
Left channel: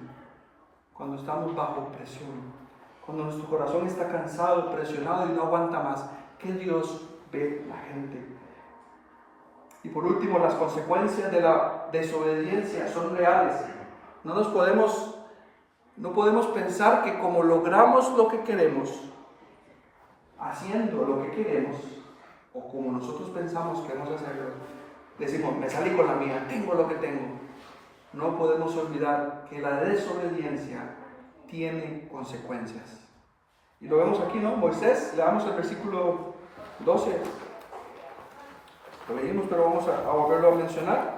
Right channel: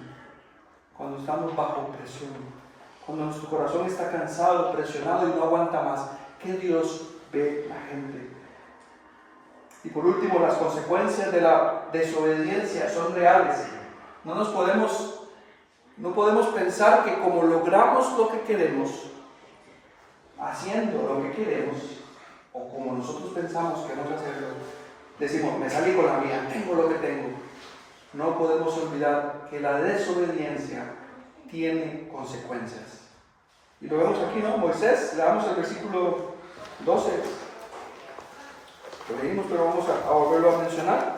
cuando estamos bajo presión? Cuando nuestro corazón está cansado, presionado y no aguanta más. ¿Qué Dios ve la gente? Y por último, las consecuencias de la desobediencia son reales. No podemos pensar que como logramos lo que queremos, haciendo lo que queremos, o como nosotros pensamos que vamos a hacerlo, decimos: me salí con la mía, tengo lo que tengo. No podemos olvidar que la desobediencia tiene consecuencias. Y lo vemos aquí, ¿no? Moisés, leamos el versículo 12. Lo leímos, pero vamos a volverlo a mencionar.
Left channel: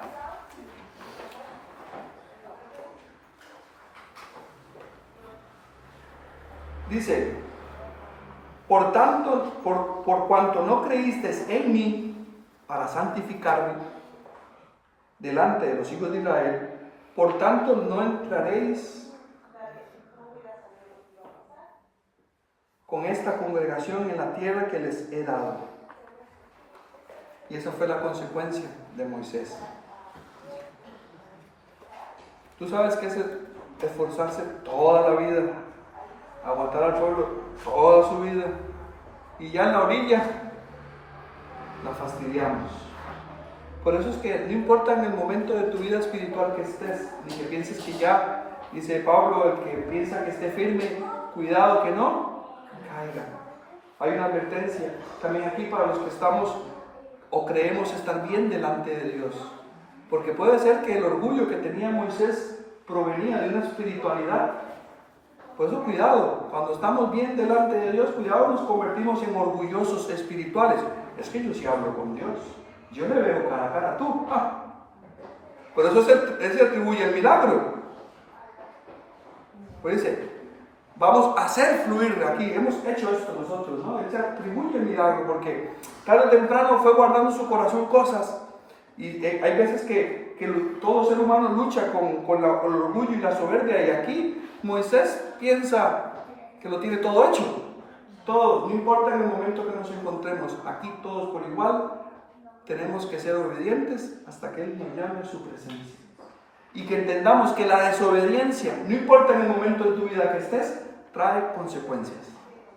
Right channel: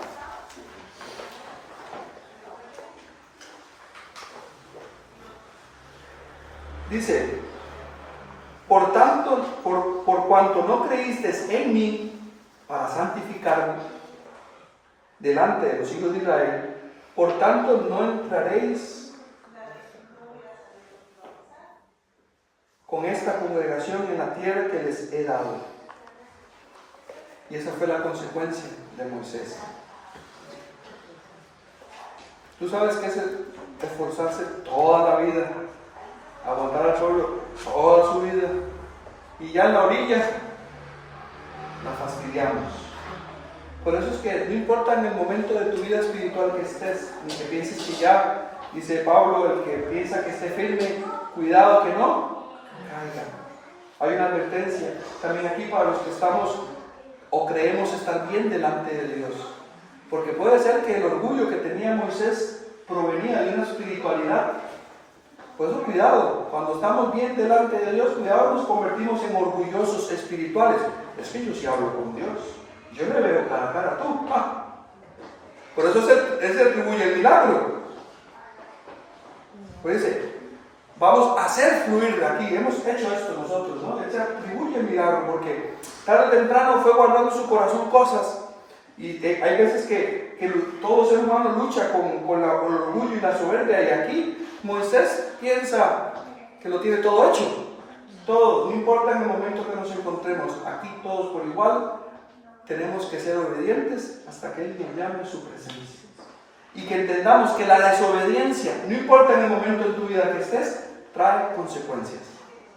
Dice: por tanto, por cuanto no creísteis en mí para santificarme delante de los hijos de Israel, por tanto no entraréis con esta congregación en la tierra que les he dado. Y esa fue la consecuencia de Moisés. Tú sabes que es esforzarse toda la vida, aguantar al pueblo toda su vida, y ya en la orilla nos fastidiamos. Por eso es que no importa en el momento de tu vida espiritual que estés, ni que pienses que ya, dice Pablo, el que piensa que esté firme, cuidado que no caiga. Hay una advertencia también aquí para los que estamos o creemos estar bien delante de Dios. Porque puede ser que el orgullo que tenía Moisés provenía de una espiritualidad. Por eso cuidado, cuando estamos bien delante de Dios, cuidado, nos convertimos en orgullosos espirituales. Es que yo sí hablo con Dios, yo le veo cara a cara, tú. Por eso él se atribuye el milagro. Pues dice, vamos a hacer fluir de aquí, hemos hecho esto nosotros, ¿no? Él se atribuye el milagro porque tarde o temprano fue guardando en su corazón cosas. Y hay veces que todo ser humano lucha con el orgullo y la soberbia, y aquí Moisés piensa que lo tiene todo hecho. Todos, no importa en el momento que nos encontremos, aquí todos por igual tenemos que ser obedientes hasta que Él nos llame a su presencia. Y que entendamos que la desobediencia, no importa en el momento en tu vida que estés, trae consecuencias.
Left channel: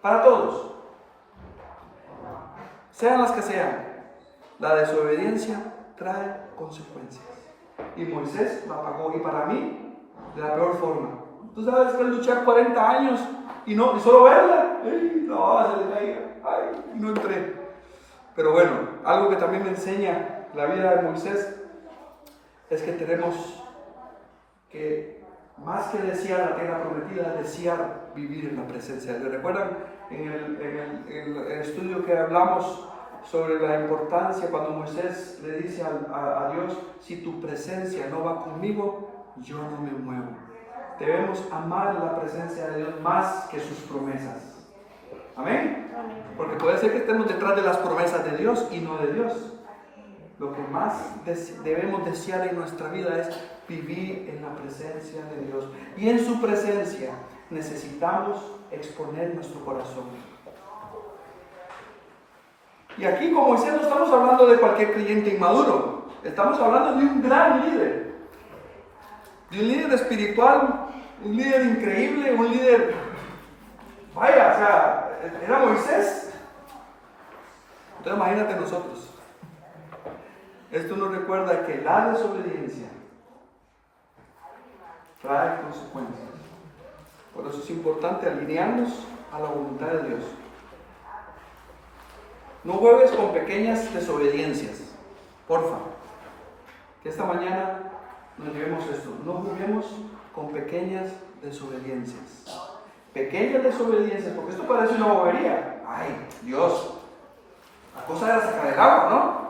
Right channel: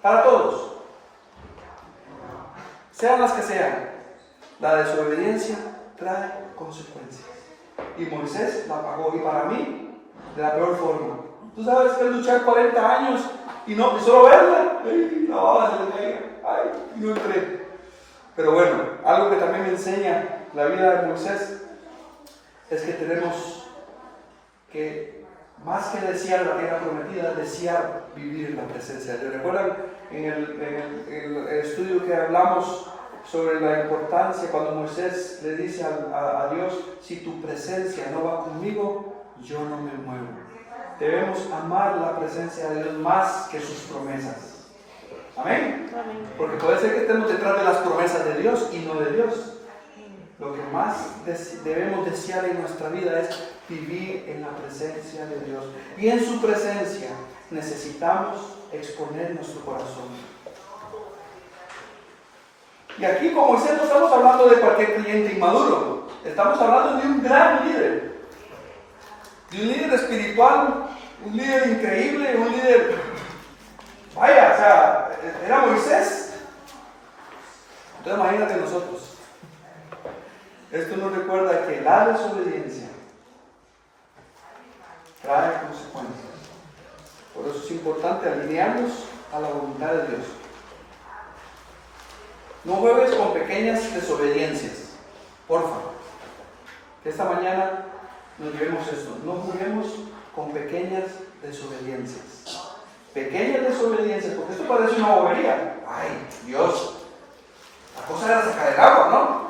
Para todos. Sean las que sean, la desobediencia trae consecuencias. Y Moisés la pagó, y para mí, de la peor forma. Tú sabes que es luchar 40 años y solo verla, no, se le caía, y no entré. Pero bueno, algo que también me enseña la vida de Moisés es que tenemos que, más que desear la tierra prometida, desear vivir en la presencia de Dios. ¿Recuerdan en el estudio que hablamos sobre la importancia cuando Moisés le dice a Dios, si tu presencia no va conmigo, yo no me muevo? Debemos amar la presencia de Dios más que sus promesas. ¿Amén? Porque puede ser que estemos detrás de las promesas de Dios y no de Dios. Lo que más debemos desear en nuestra vida es vivir en la presencia de Dios. Y en su presencia necesitamos exponer nuestro corazón. Y aquí, como Moisés, no estamos hablando de cualquier creyente inmaduro. Estamos hablando de un gran líder. De un líder espiritual, un líder increíble, un líder... Vaya, o sea, era Moisés. Entonces imagínate nosotros. Esto nos recuerda que la desobediencia trae consecuencias. Por eso es importante alinearnos a la voluntad de Dios. No juegues con pequeñas desobediencias, porfa. Que esta mañana nos llevemos esto. No juguemos con pequeñas desobediencias. Pequeñas desobediencias, porque esto parece una bobería. Ay, Dios, la cosa era sacar el agua, ¿no?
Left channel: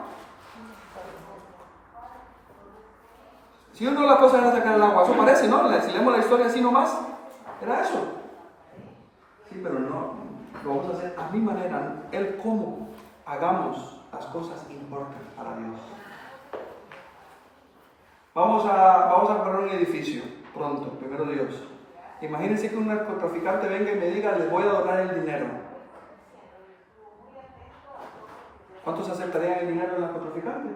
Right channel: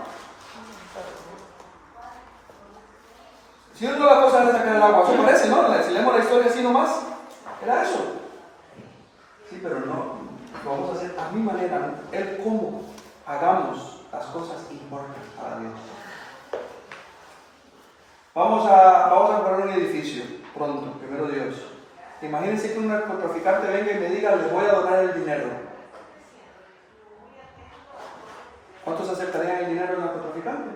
Si uno la cosa era sacar el agua, eso parece, ¿no? Si leemos la historia así nomás, era eso. Sí, pero no, lo vamos a hacer a mi manera. El cómo hagamos las cosas importa para Dios. Vamos a comprar un edificio pronto, primero Dios. Imagínense que un narcotraficante venga y me diga, les voy a donar el dinero. ¿Cuántos aceptarían el dinero del narcotraficante?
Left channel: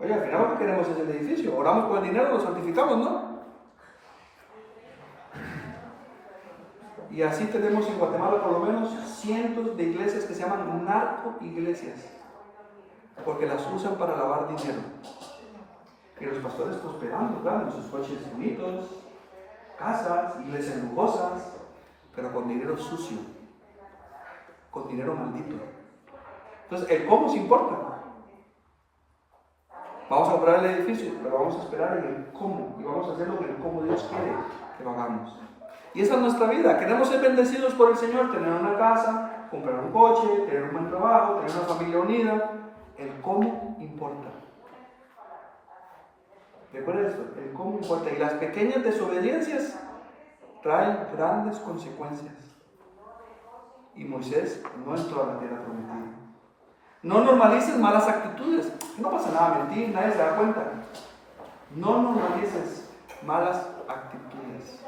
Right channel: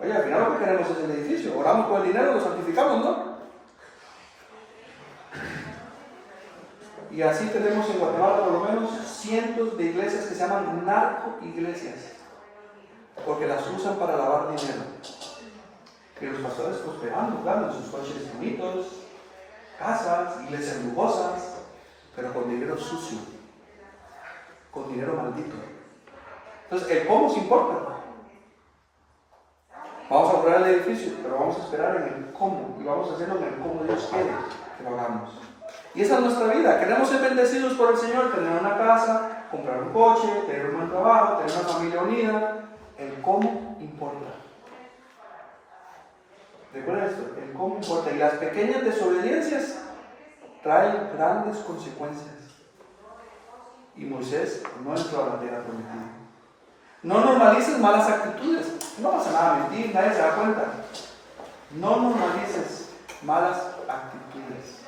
Oye, al final lo que queremos es el edificio. Oramos por el dinero, lo santificamos, ¿no? Y así tenemos en Guatemala por lo menos cientos de iglesias que se llaman narco-iglesias, porque las usan para lavar dinero. Y los pastores prosperando, claro, en sus coches bonitos, casas, iglesias lujosas, pero con dinero sucio, con dinero maldito. Entonces, el cómo se importa. Vamos a comprar el edificio, pero vamos a esperar en el cómo, y vamos a hacerlo en el cómo Dios quiere que lo hagamos. Y esa es nuestra vida. Queremos ser bendecidos por el Señor, tener una casa, comprar un coche, tener un buen trabajo, tener una familia unida. El cómo importa. Recuerda esto, el cómo importa. Y las pequeñas desobediencias traen grandes consecuencias. Y Moisés no entró a la tierra prometida. No normalices malas actitudes. No pasa nada mentir, nadie se da cuenta. No normalices malas actitudes.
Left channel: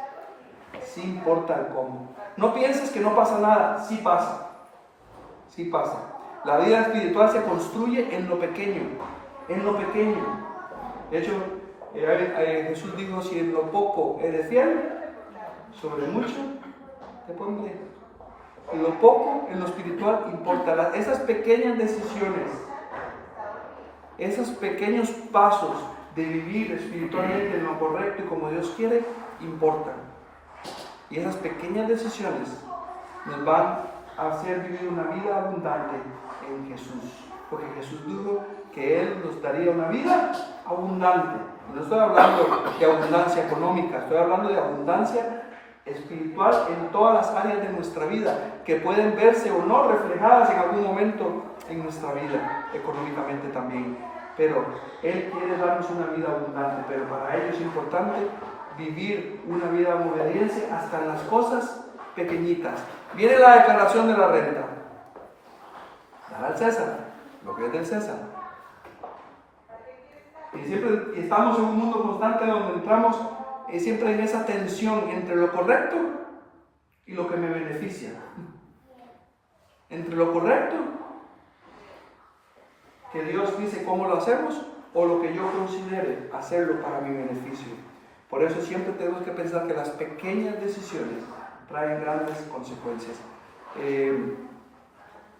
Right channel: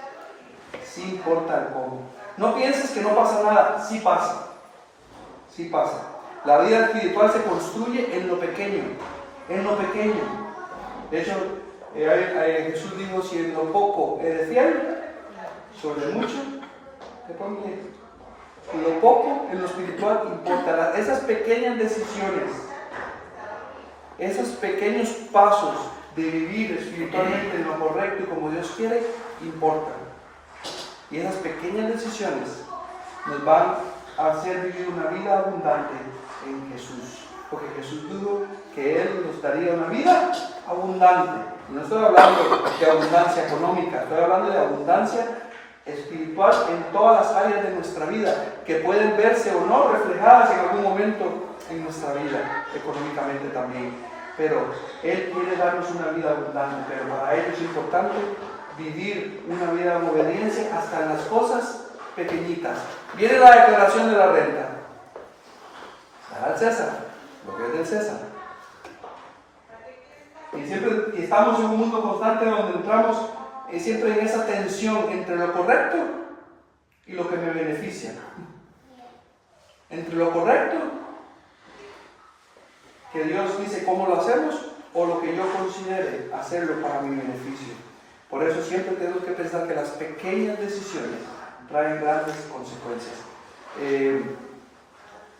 Sí importa el cómo. No pienses que no pasa nada. Sí pasa. Sí pasa. La vida espiritual se construye en lo pequeño. En lo pequeño. De hecho, Jesús dijo, si en lo poco eres fiel, sobre mucho te pondré. Lo poco en lo espiritual importa. Esas pequeñas decisiones, esos pequeños pasos de vivir espiritualmente en lo correcto y como Dios quiere, importan. Y esas pequeñas decisiones nos van a hacer vivir una vida abundante en Jesús. porque Jesús dijo que Él nos daría una vida abundante. Y no estoy hablando de abundancia económica, estoy hablando de abundancia espiritual en todas las áreas de nuestra vida, que pueden verse o no reflejadas en algún momento en nuestra vida, económicamente también. Pero Él quiere darnos una vida abundante, pero para ello es importante vivir una vida en obediencia hasta en las cosas pequeñitas. Viene la declaración de la renta. Dar al César lo que es del César. Y siempre estamos en un mundo constante donde entramos siempre en esa tensión entre lo correcto y lo que me beneficia. Entre lo correcto, que Dios dice cómo lo hacemos, o lo que yo considere hacerlo para mi beneficio. Por eso siempre tenemos que pensar que las pequeñas decisiones traen grandes consecuencias.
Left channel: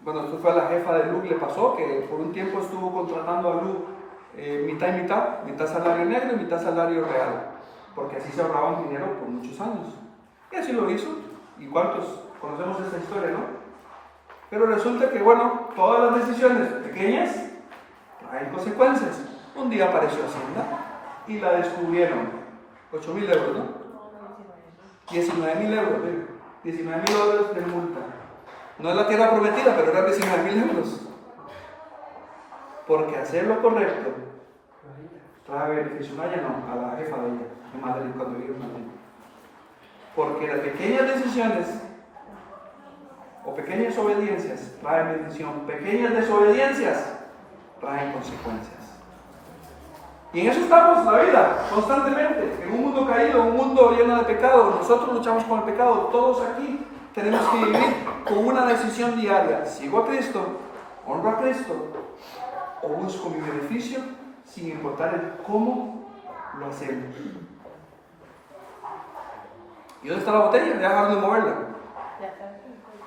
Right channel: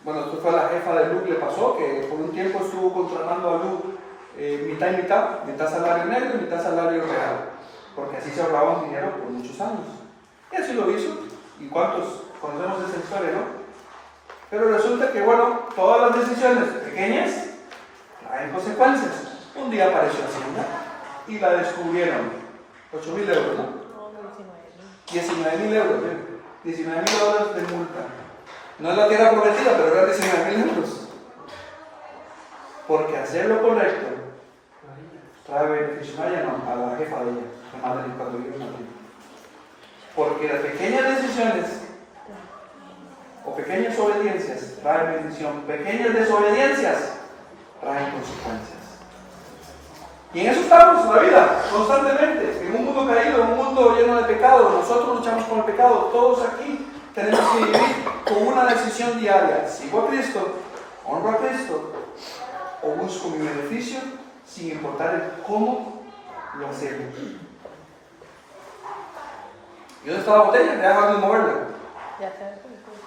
Bueno, esto fue a la jefa de Luke, le pasó que por un tiempo estuvo contratando a Luke mitad y mitad salario negro y mitad salario real, porque así se ahorraban dinero por muchos años. Y así lo hizo, y cuántos conocemos esa historia, ¿no? Pero resulta que, bueno, todas las decisiones pequeñas traen consecuencias. Un día apareció Hacienda y la descubrieron. 8.000 euros, ¿no? 19.000 euros, ¿eh? 19.000 euros de multa. No es la tierra prometida, pero eran 19.000 euros. Porque hacer lo correcto trae beneficio a ella, no, a la jefa de ella, en Madrid, cuando vive en Madrid. Porque las pequeñas decisiones o pequeñas obediencias traen bendición, pequeñas desobediencias traen consecuencias. Y en eso estamos en la vida, constantemente, en un mundo caído, un mundo lleno de pecado. Nosotros luchamos con el pecado, todos aquí tenemos que vivir con una decisión diaria: ¿sigo a Cristo, honro a Cristo, o busco mi beneficio, sin importar el cómo lo hacemos? ¿Y dónde está la botella? ¿Me dejan de moverla?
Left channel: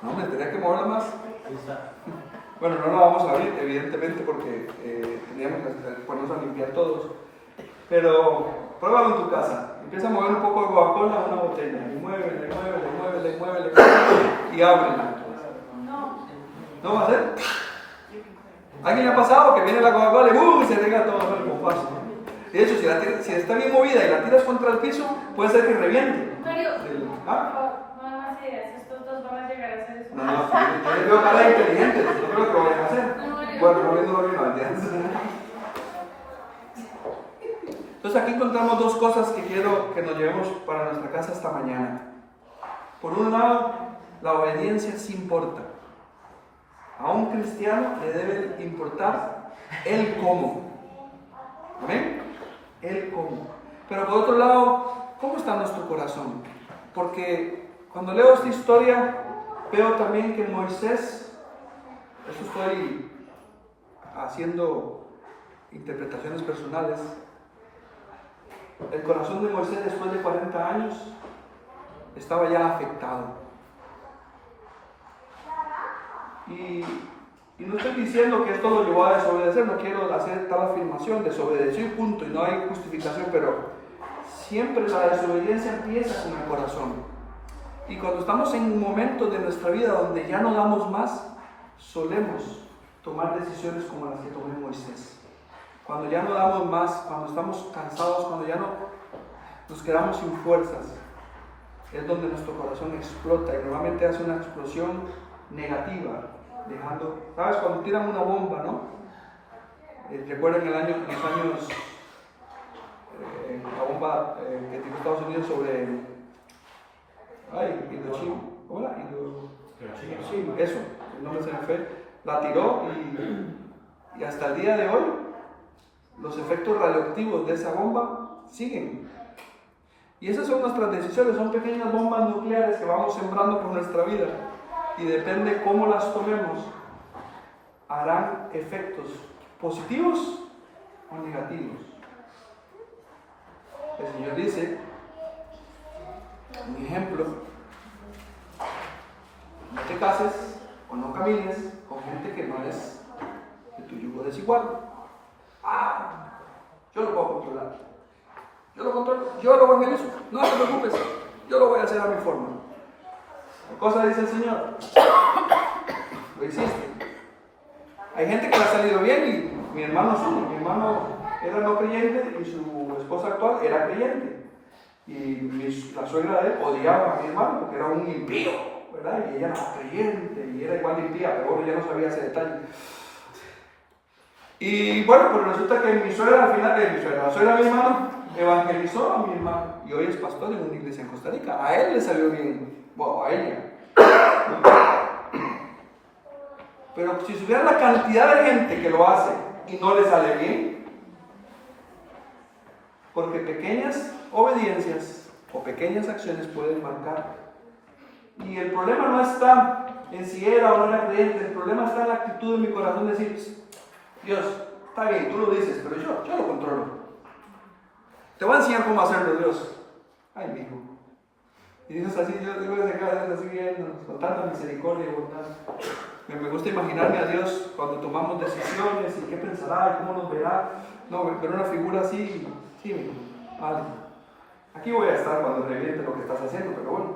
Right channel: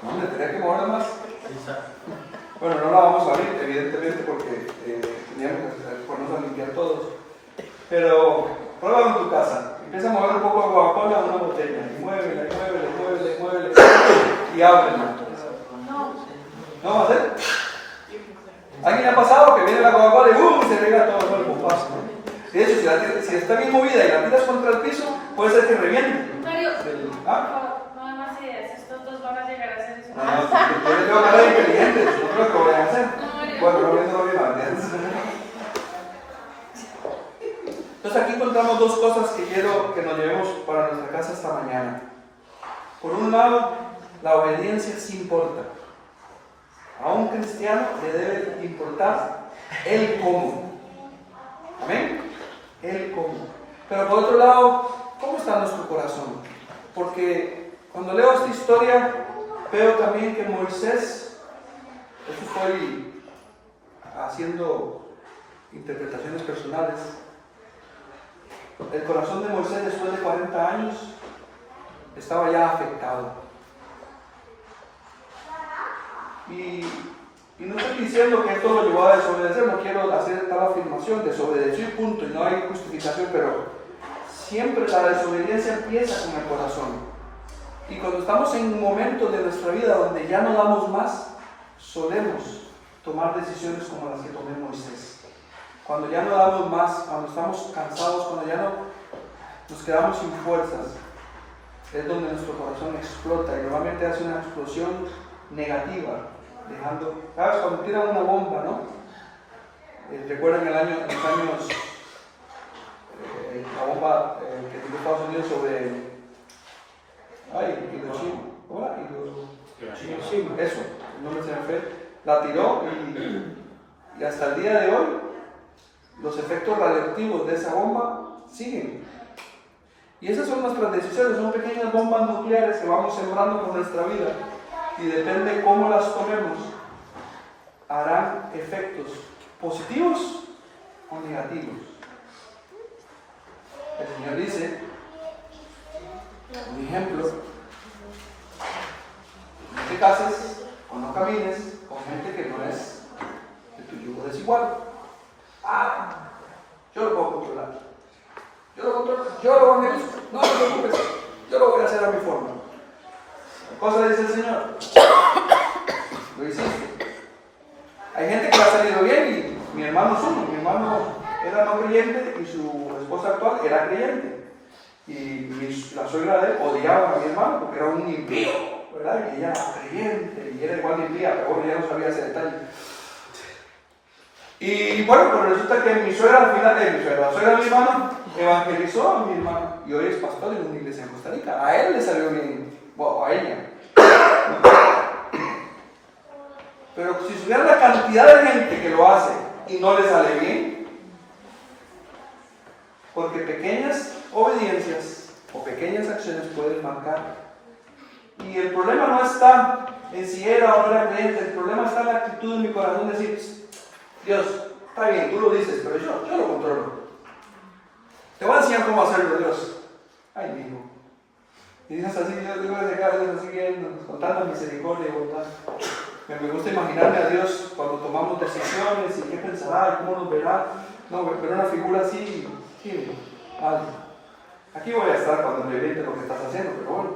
No, me tenía que moverla más. Bueno, no la vamos a abrir, evidentemente, porque teníamos que ponernos a limpiar todos. Pero pruébalo en tu casa. Empieza a mover un poco de Coca-Cola a una botella. Y muévela, y ábrela. ¿No va a ser? ¿Alguien ha pasado que viene la Coca-Cola y ¡bum! Se rega todo el bombazo? De hecho, si está bien movida y la tiras contra el piso, puede ser que reviente. Mario, no hay más ideas. Estos dos van a llegar a hacer eso. No, yo no tengo cara de inteligentes, no creo que lo vayan a hacer. Bueno, no viendo lo mismo. Entonces aquí encontramos dos cosas que quiero que nos llevemos para nuestra casa esta mañana. Por un lado, la obediencia sí importa. A un cristiano le debe importar el cómo. ¿Amén? El cómo. Pero por otro lado, ¿cómo está nuestro corazón? Porque cuando leo esta historia, veo también que Moisés, eso estoy haciendo interpretaciones personales, el corazón de Moisés después de 40 años estaba ya afectado. Y no estoy diciendo que esto lo llevó a desobedecer, no quiero hacer tal afirmación, desobedeció y punto, y no hay justificación, pero siempre la desobediencia empieza con el corazón. Y cuando estamos en un momento de nuestra vida donde ya no damos más, solemos tomar decisiones como las que tomó Moisés. Cuando ya no damos más, cuando estamos cansados, cuando ya no nos quedamos sin fuerzas, es donde nuestro corazón explota y normalmente hace una explosión negativa, dejando, ¿sabes? Cuando tiran una bomba, ¿no? ¿Recuerdan los años, la bomba que tiró Estados Unidos sobre Hiroshima? ¿Cómo era? Hiroshima. Eso, el nombre se me fue. La tiró y hasta el día de hoy los efectos radioactivos de esa bomba siguen. Y esas son nuestras decisiones, son pequeñas bombas nucleares que vamos sembrando por nuestra vida. Y depende cómo las tomemos, harán efectos positivos o negativos. El Señor dice, un ejemplo: no te cases o no camines con gente que no es de tu yugo desigual. Yo lo puedo controlar. Yo lo controlo, yo lo evangelizo. No te preocupes, yo lo voy a hacer a mi forma. ¿Qué cosa dice el Señor? Lo hiciste. Hay gente que le ha salido bien y mi hermano es uno. Mi hermano era no creyente y su esposa actual era creyente. Y la suegra de él odiaba a mi hermano porque era un impío, ¿verdad? Y ella era creyente y era igual de impía, pero bueno, ya no sabía ese detalle. Y bueno, pues resulta que mi suegra, al final, la suegra de mi hermano, evangelizó a mi hermano y hoy es pastor en una iglesia en Costa Rica. A él le salió bien, bueno, a ella. Pero si supiera la cantidad de gente que lo hace y no le sale bien, porque pequeñas obediencias o pequeñas acciones pueden marcar. Y el problema no está en si era o no era creyente, el problema está en la actitud de mi corazón de decir, Dios, está bien, tú lo dices, pero yo lo controlo. Te voy a enseñar cómo hacerlo, Dios. Ay, mi hijo. Y Dios así, Dios así viendo, con tanta misericordia y bondad. Me gusta imaginarme a Dios cuando tomamos decisiones y qué pensará y cómo nos verá. No, pero una figura así, sí, mi hijo, vale. Aquí voy a estar cuando reviente lo que estás haciendo, pero bueno.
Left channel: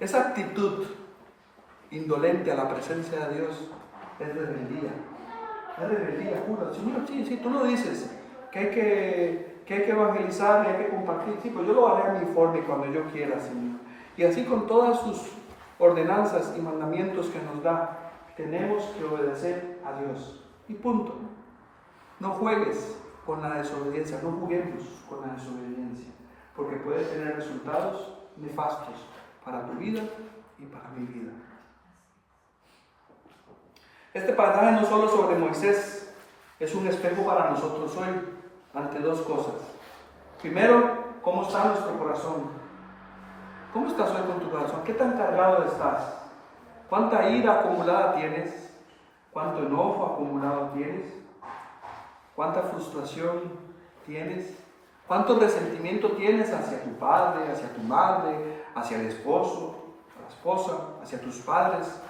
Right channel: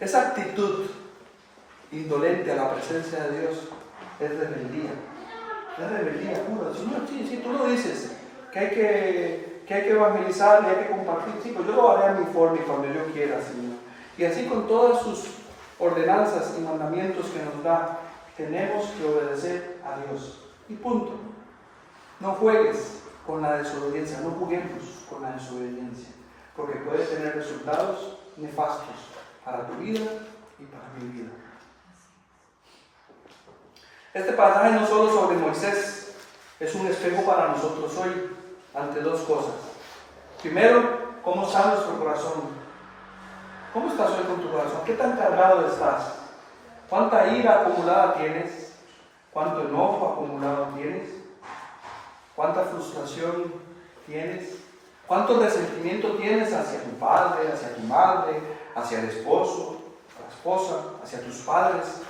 Esa actitud indolente a la presencia de Dios es rebeldía. Es rebeldía pura. Señor, sí, tú lo dices, que hay que evangelizar y hay que compartir. Sí, pues yo lo haré a mi forma y cuando yo quiera, Señor. Y así con todas sus ordenanzas y mandamientos que nos da, tenemos que obedecer a Dios. Y punto. No juegues con la desobediencia, no juguemos con la desobediencia, porque puede tener resultados nefastos para tu vida y para mi vida. Este pasaje no solo sobre Moisés, es un espejo para nosotros hoy ante dos cosas. Primero, ¿cómo está nuestro corazón? ¿Cómo estás hoy con tu corazón? ¿Qué tan cargado estás? ¿Cuánta ira acumulada tienes? ¿Cuánto enojo acumulado tienes? ¿Cuánta frustración tienes? ¿Cuánto resentimiento tienes hacia tu padre, hacia tu madre, hacia el esposo, la esposa, hacia tus padres?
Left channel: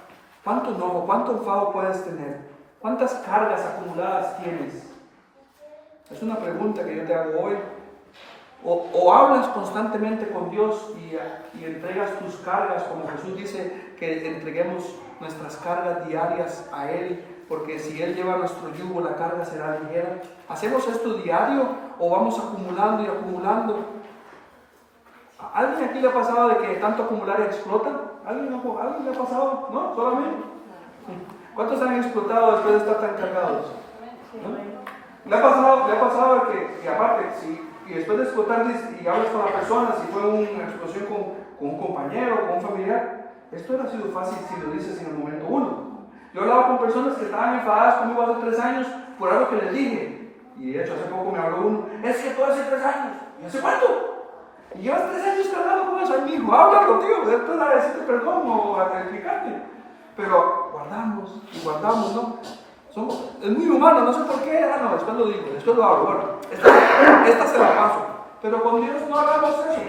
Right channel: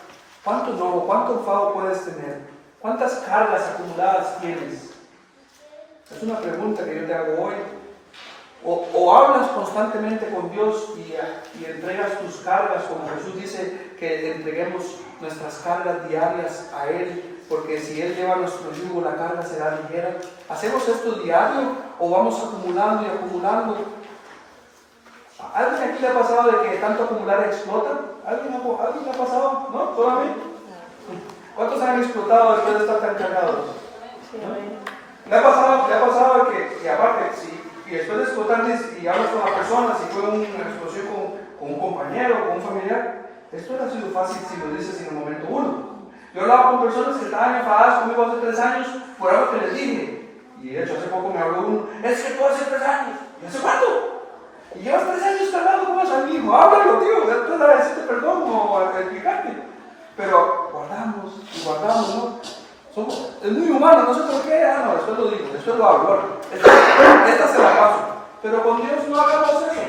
¿Cuánto enojo, cuánto enfado puedes tener? ¿Cuántas cargas acumuladas tienes? Es una pregunta que yo te hago hoy. O hablas constantemente con Dios y entregas tus cargas, como Jesús dice que entreguemos nuestras cargas diarias a Él, porque si Él lleva nuestro yugo, la carga será ligera. ¿Hacemos esto diario o vamos acumulando y acumulando? ¿A alguien aquí le ha pasado de que tanto acumular explota? ¿Alguien le ha pasado? ¿No? ¿Solamente? ¿Cuántos han explotado después de estar tan cargados? ¿No? ¿Le ha pasado de que aparte, y después de explotar y hablas con la persona, si fue una explosión con un compañero, con un familiar, esto hubiera sido fácil si lo dices en el momento uno. Yo hablaba con personas que estaban enfadadas conmigo hace 3 años por algo que les dije. Y de hecho hace poco me habló uno, es que tú hace 3 años. ¿Y hace cuánto? Y llevas 3 años cargando con eso. Ay, hijo, háblalo, tío, después de decirte perdón o a explicarte. Pero guardamos, ¿no? Es muy humano, no sé por qué. No, después lo digo, después lo hablo. Bueno, esta se la paso. Pero con Dios no hagamos eso.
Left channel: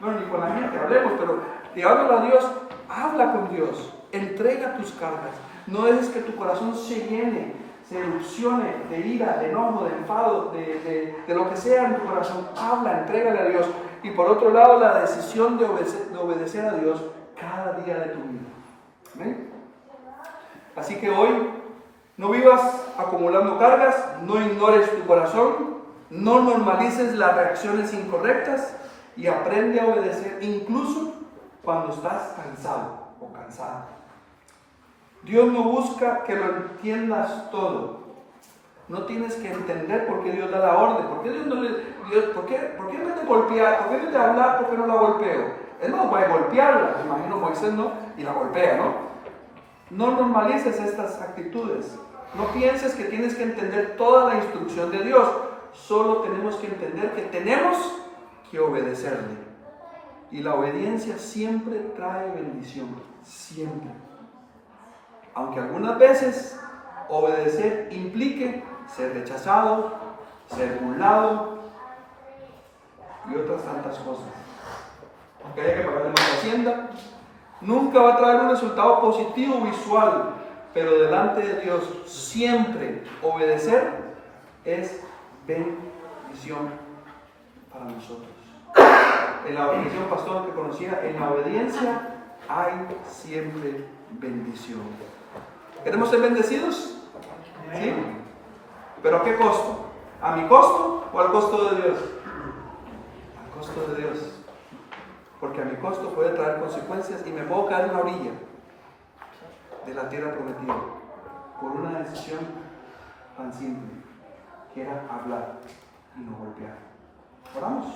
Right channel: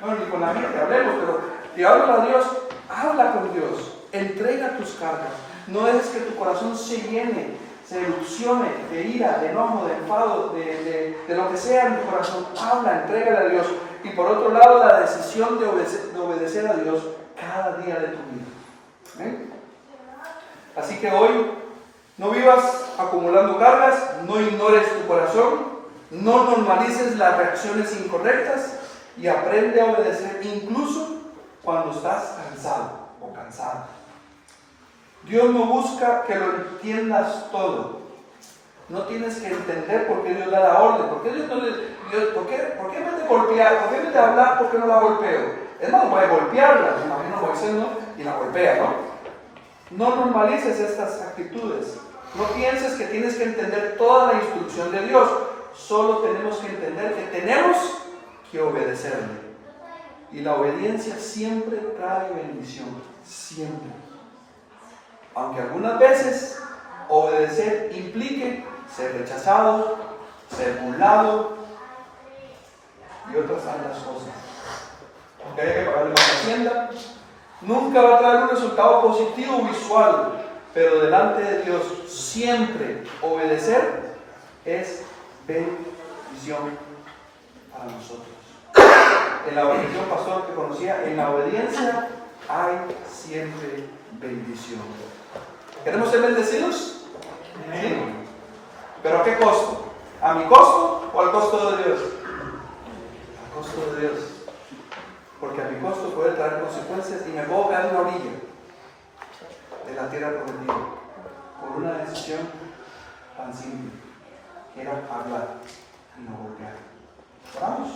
Bueno, ni con la gente, hablemos, pero digámosle a Dios, habla con Dios, entrega tus cargas. No dejes que tu corazón se llene, se erupcione de ira, de enojo, de enfado, de lo que sea en tu corazón. Habla, entrégale a Dios. Y por otro lado, la decisión de obedecer a Dios cada día de tu vida. ¿Ven? Así que hoy, no vivas acumulando cargas, no ignores tu corazón, no normalices las reacciones incorrectas y aprende a obedecer incluso cuando estás cansado o cansada. Dios no busca que lo entiendas todo. No tienes que entender por qué Dios da la orden. ¿Por qué Dios no le... ¿Por qué en vez de golpear? ¿Por qué en vez de hablar? ¿Por qué no la golpeo? Es más, voy a golpearla. Me imagino Moisés, ¿no? Y la golpea, ¿no? No normalices estas actitudes. No pienses que tienes que entender toda la instrucción de Dios. Solo tenemos que entender que tenemos que obedecerle. Y la obediencia siempre trae bendición. Siempre. Aunque algunas veces obedecer implique ser rechazado, ser burlado y otras tantas cosas. Aunque haya que pagarle más hacienda, nunca va a traer un resultado positivo visual, pero delante de Dios siempre obedecer es bendición para nosotros. En la bendición, pastor, que conocía, en la obediencia hay siempre bendición. ¿Queremos ser bendecidos? ¿Sí? ¿Pero a qué costo? ¿A mi costo o al costo de Dios? Al costo de Dios. Porque a mi costo puede traer consecuencias y me puedo caer en la orilla de la tierra prometida por una decisión tan simple, que era hablar y no golpear. ¿Oramos?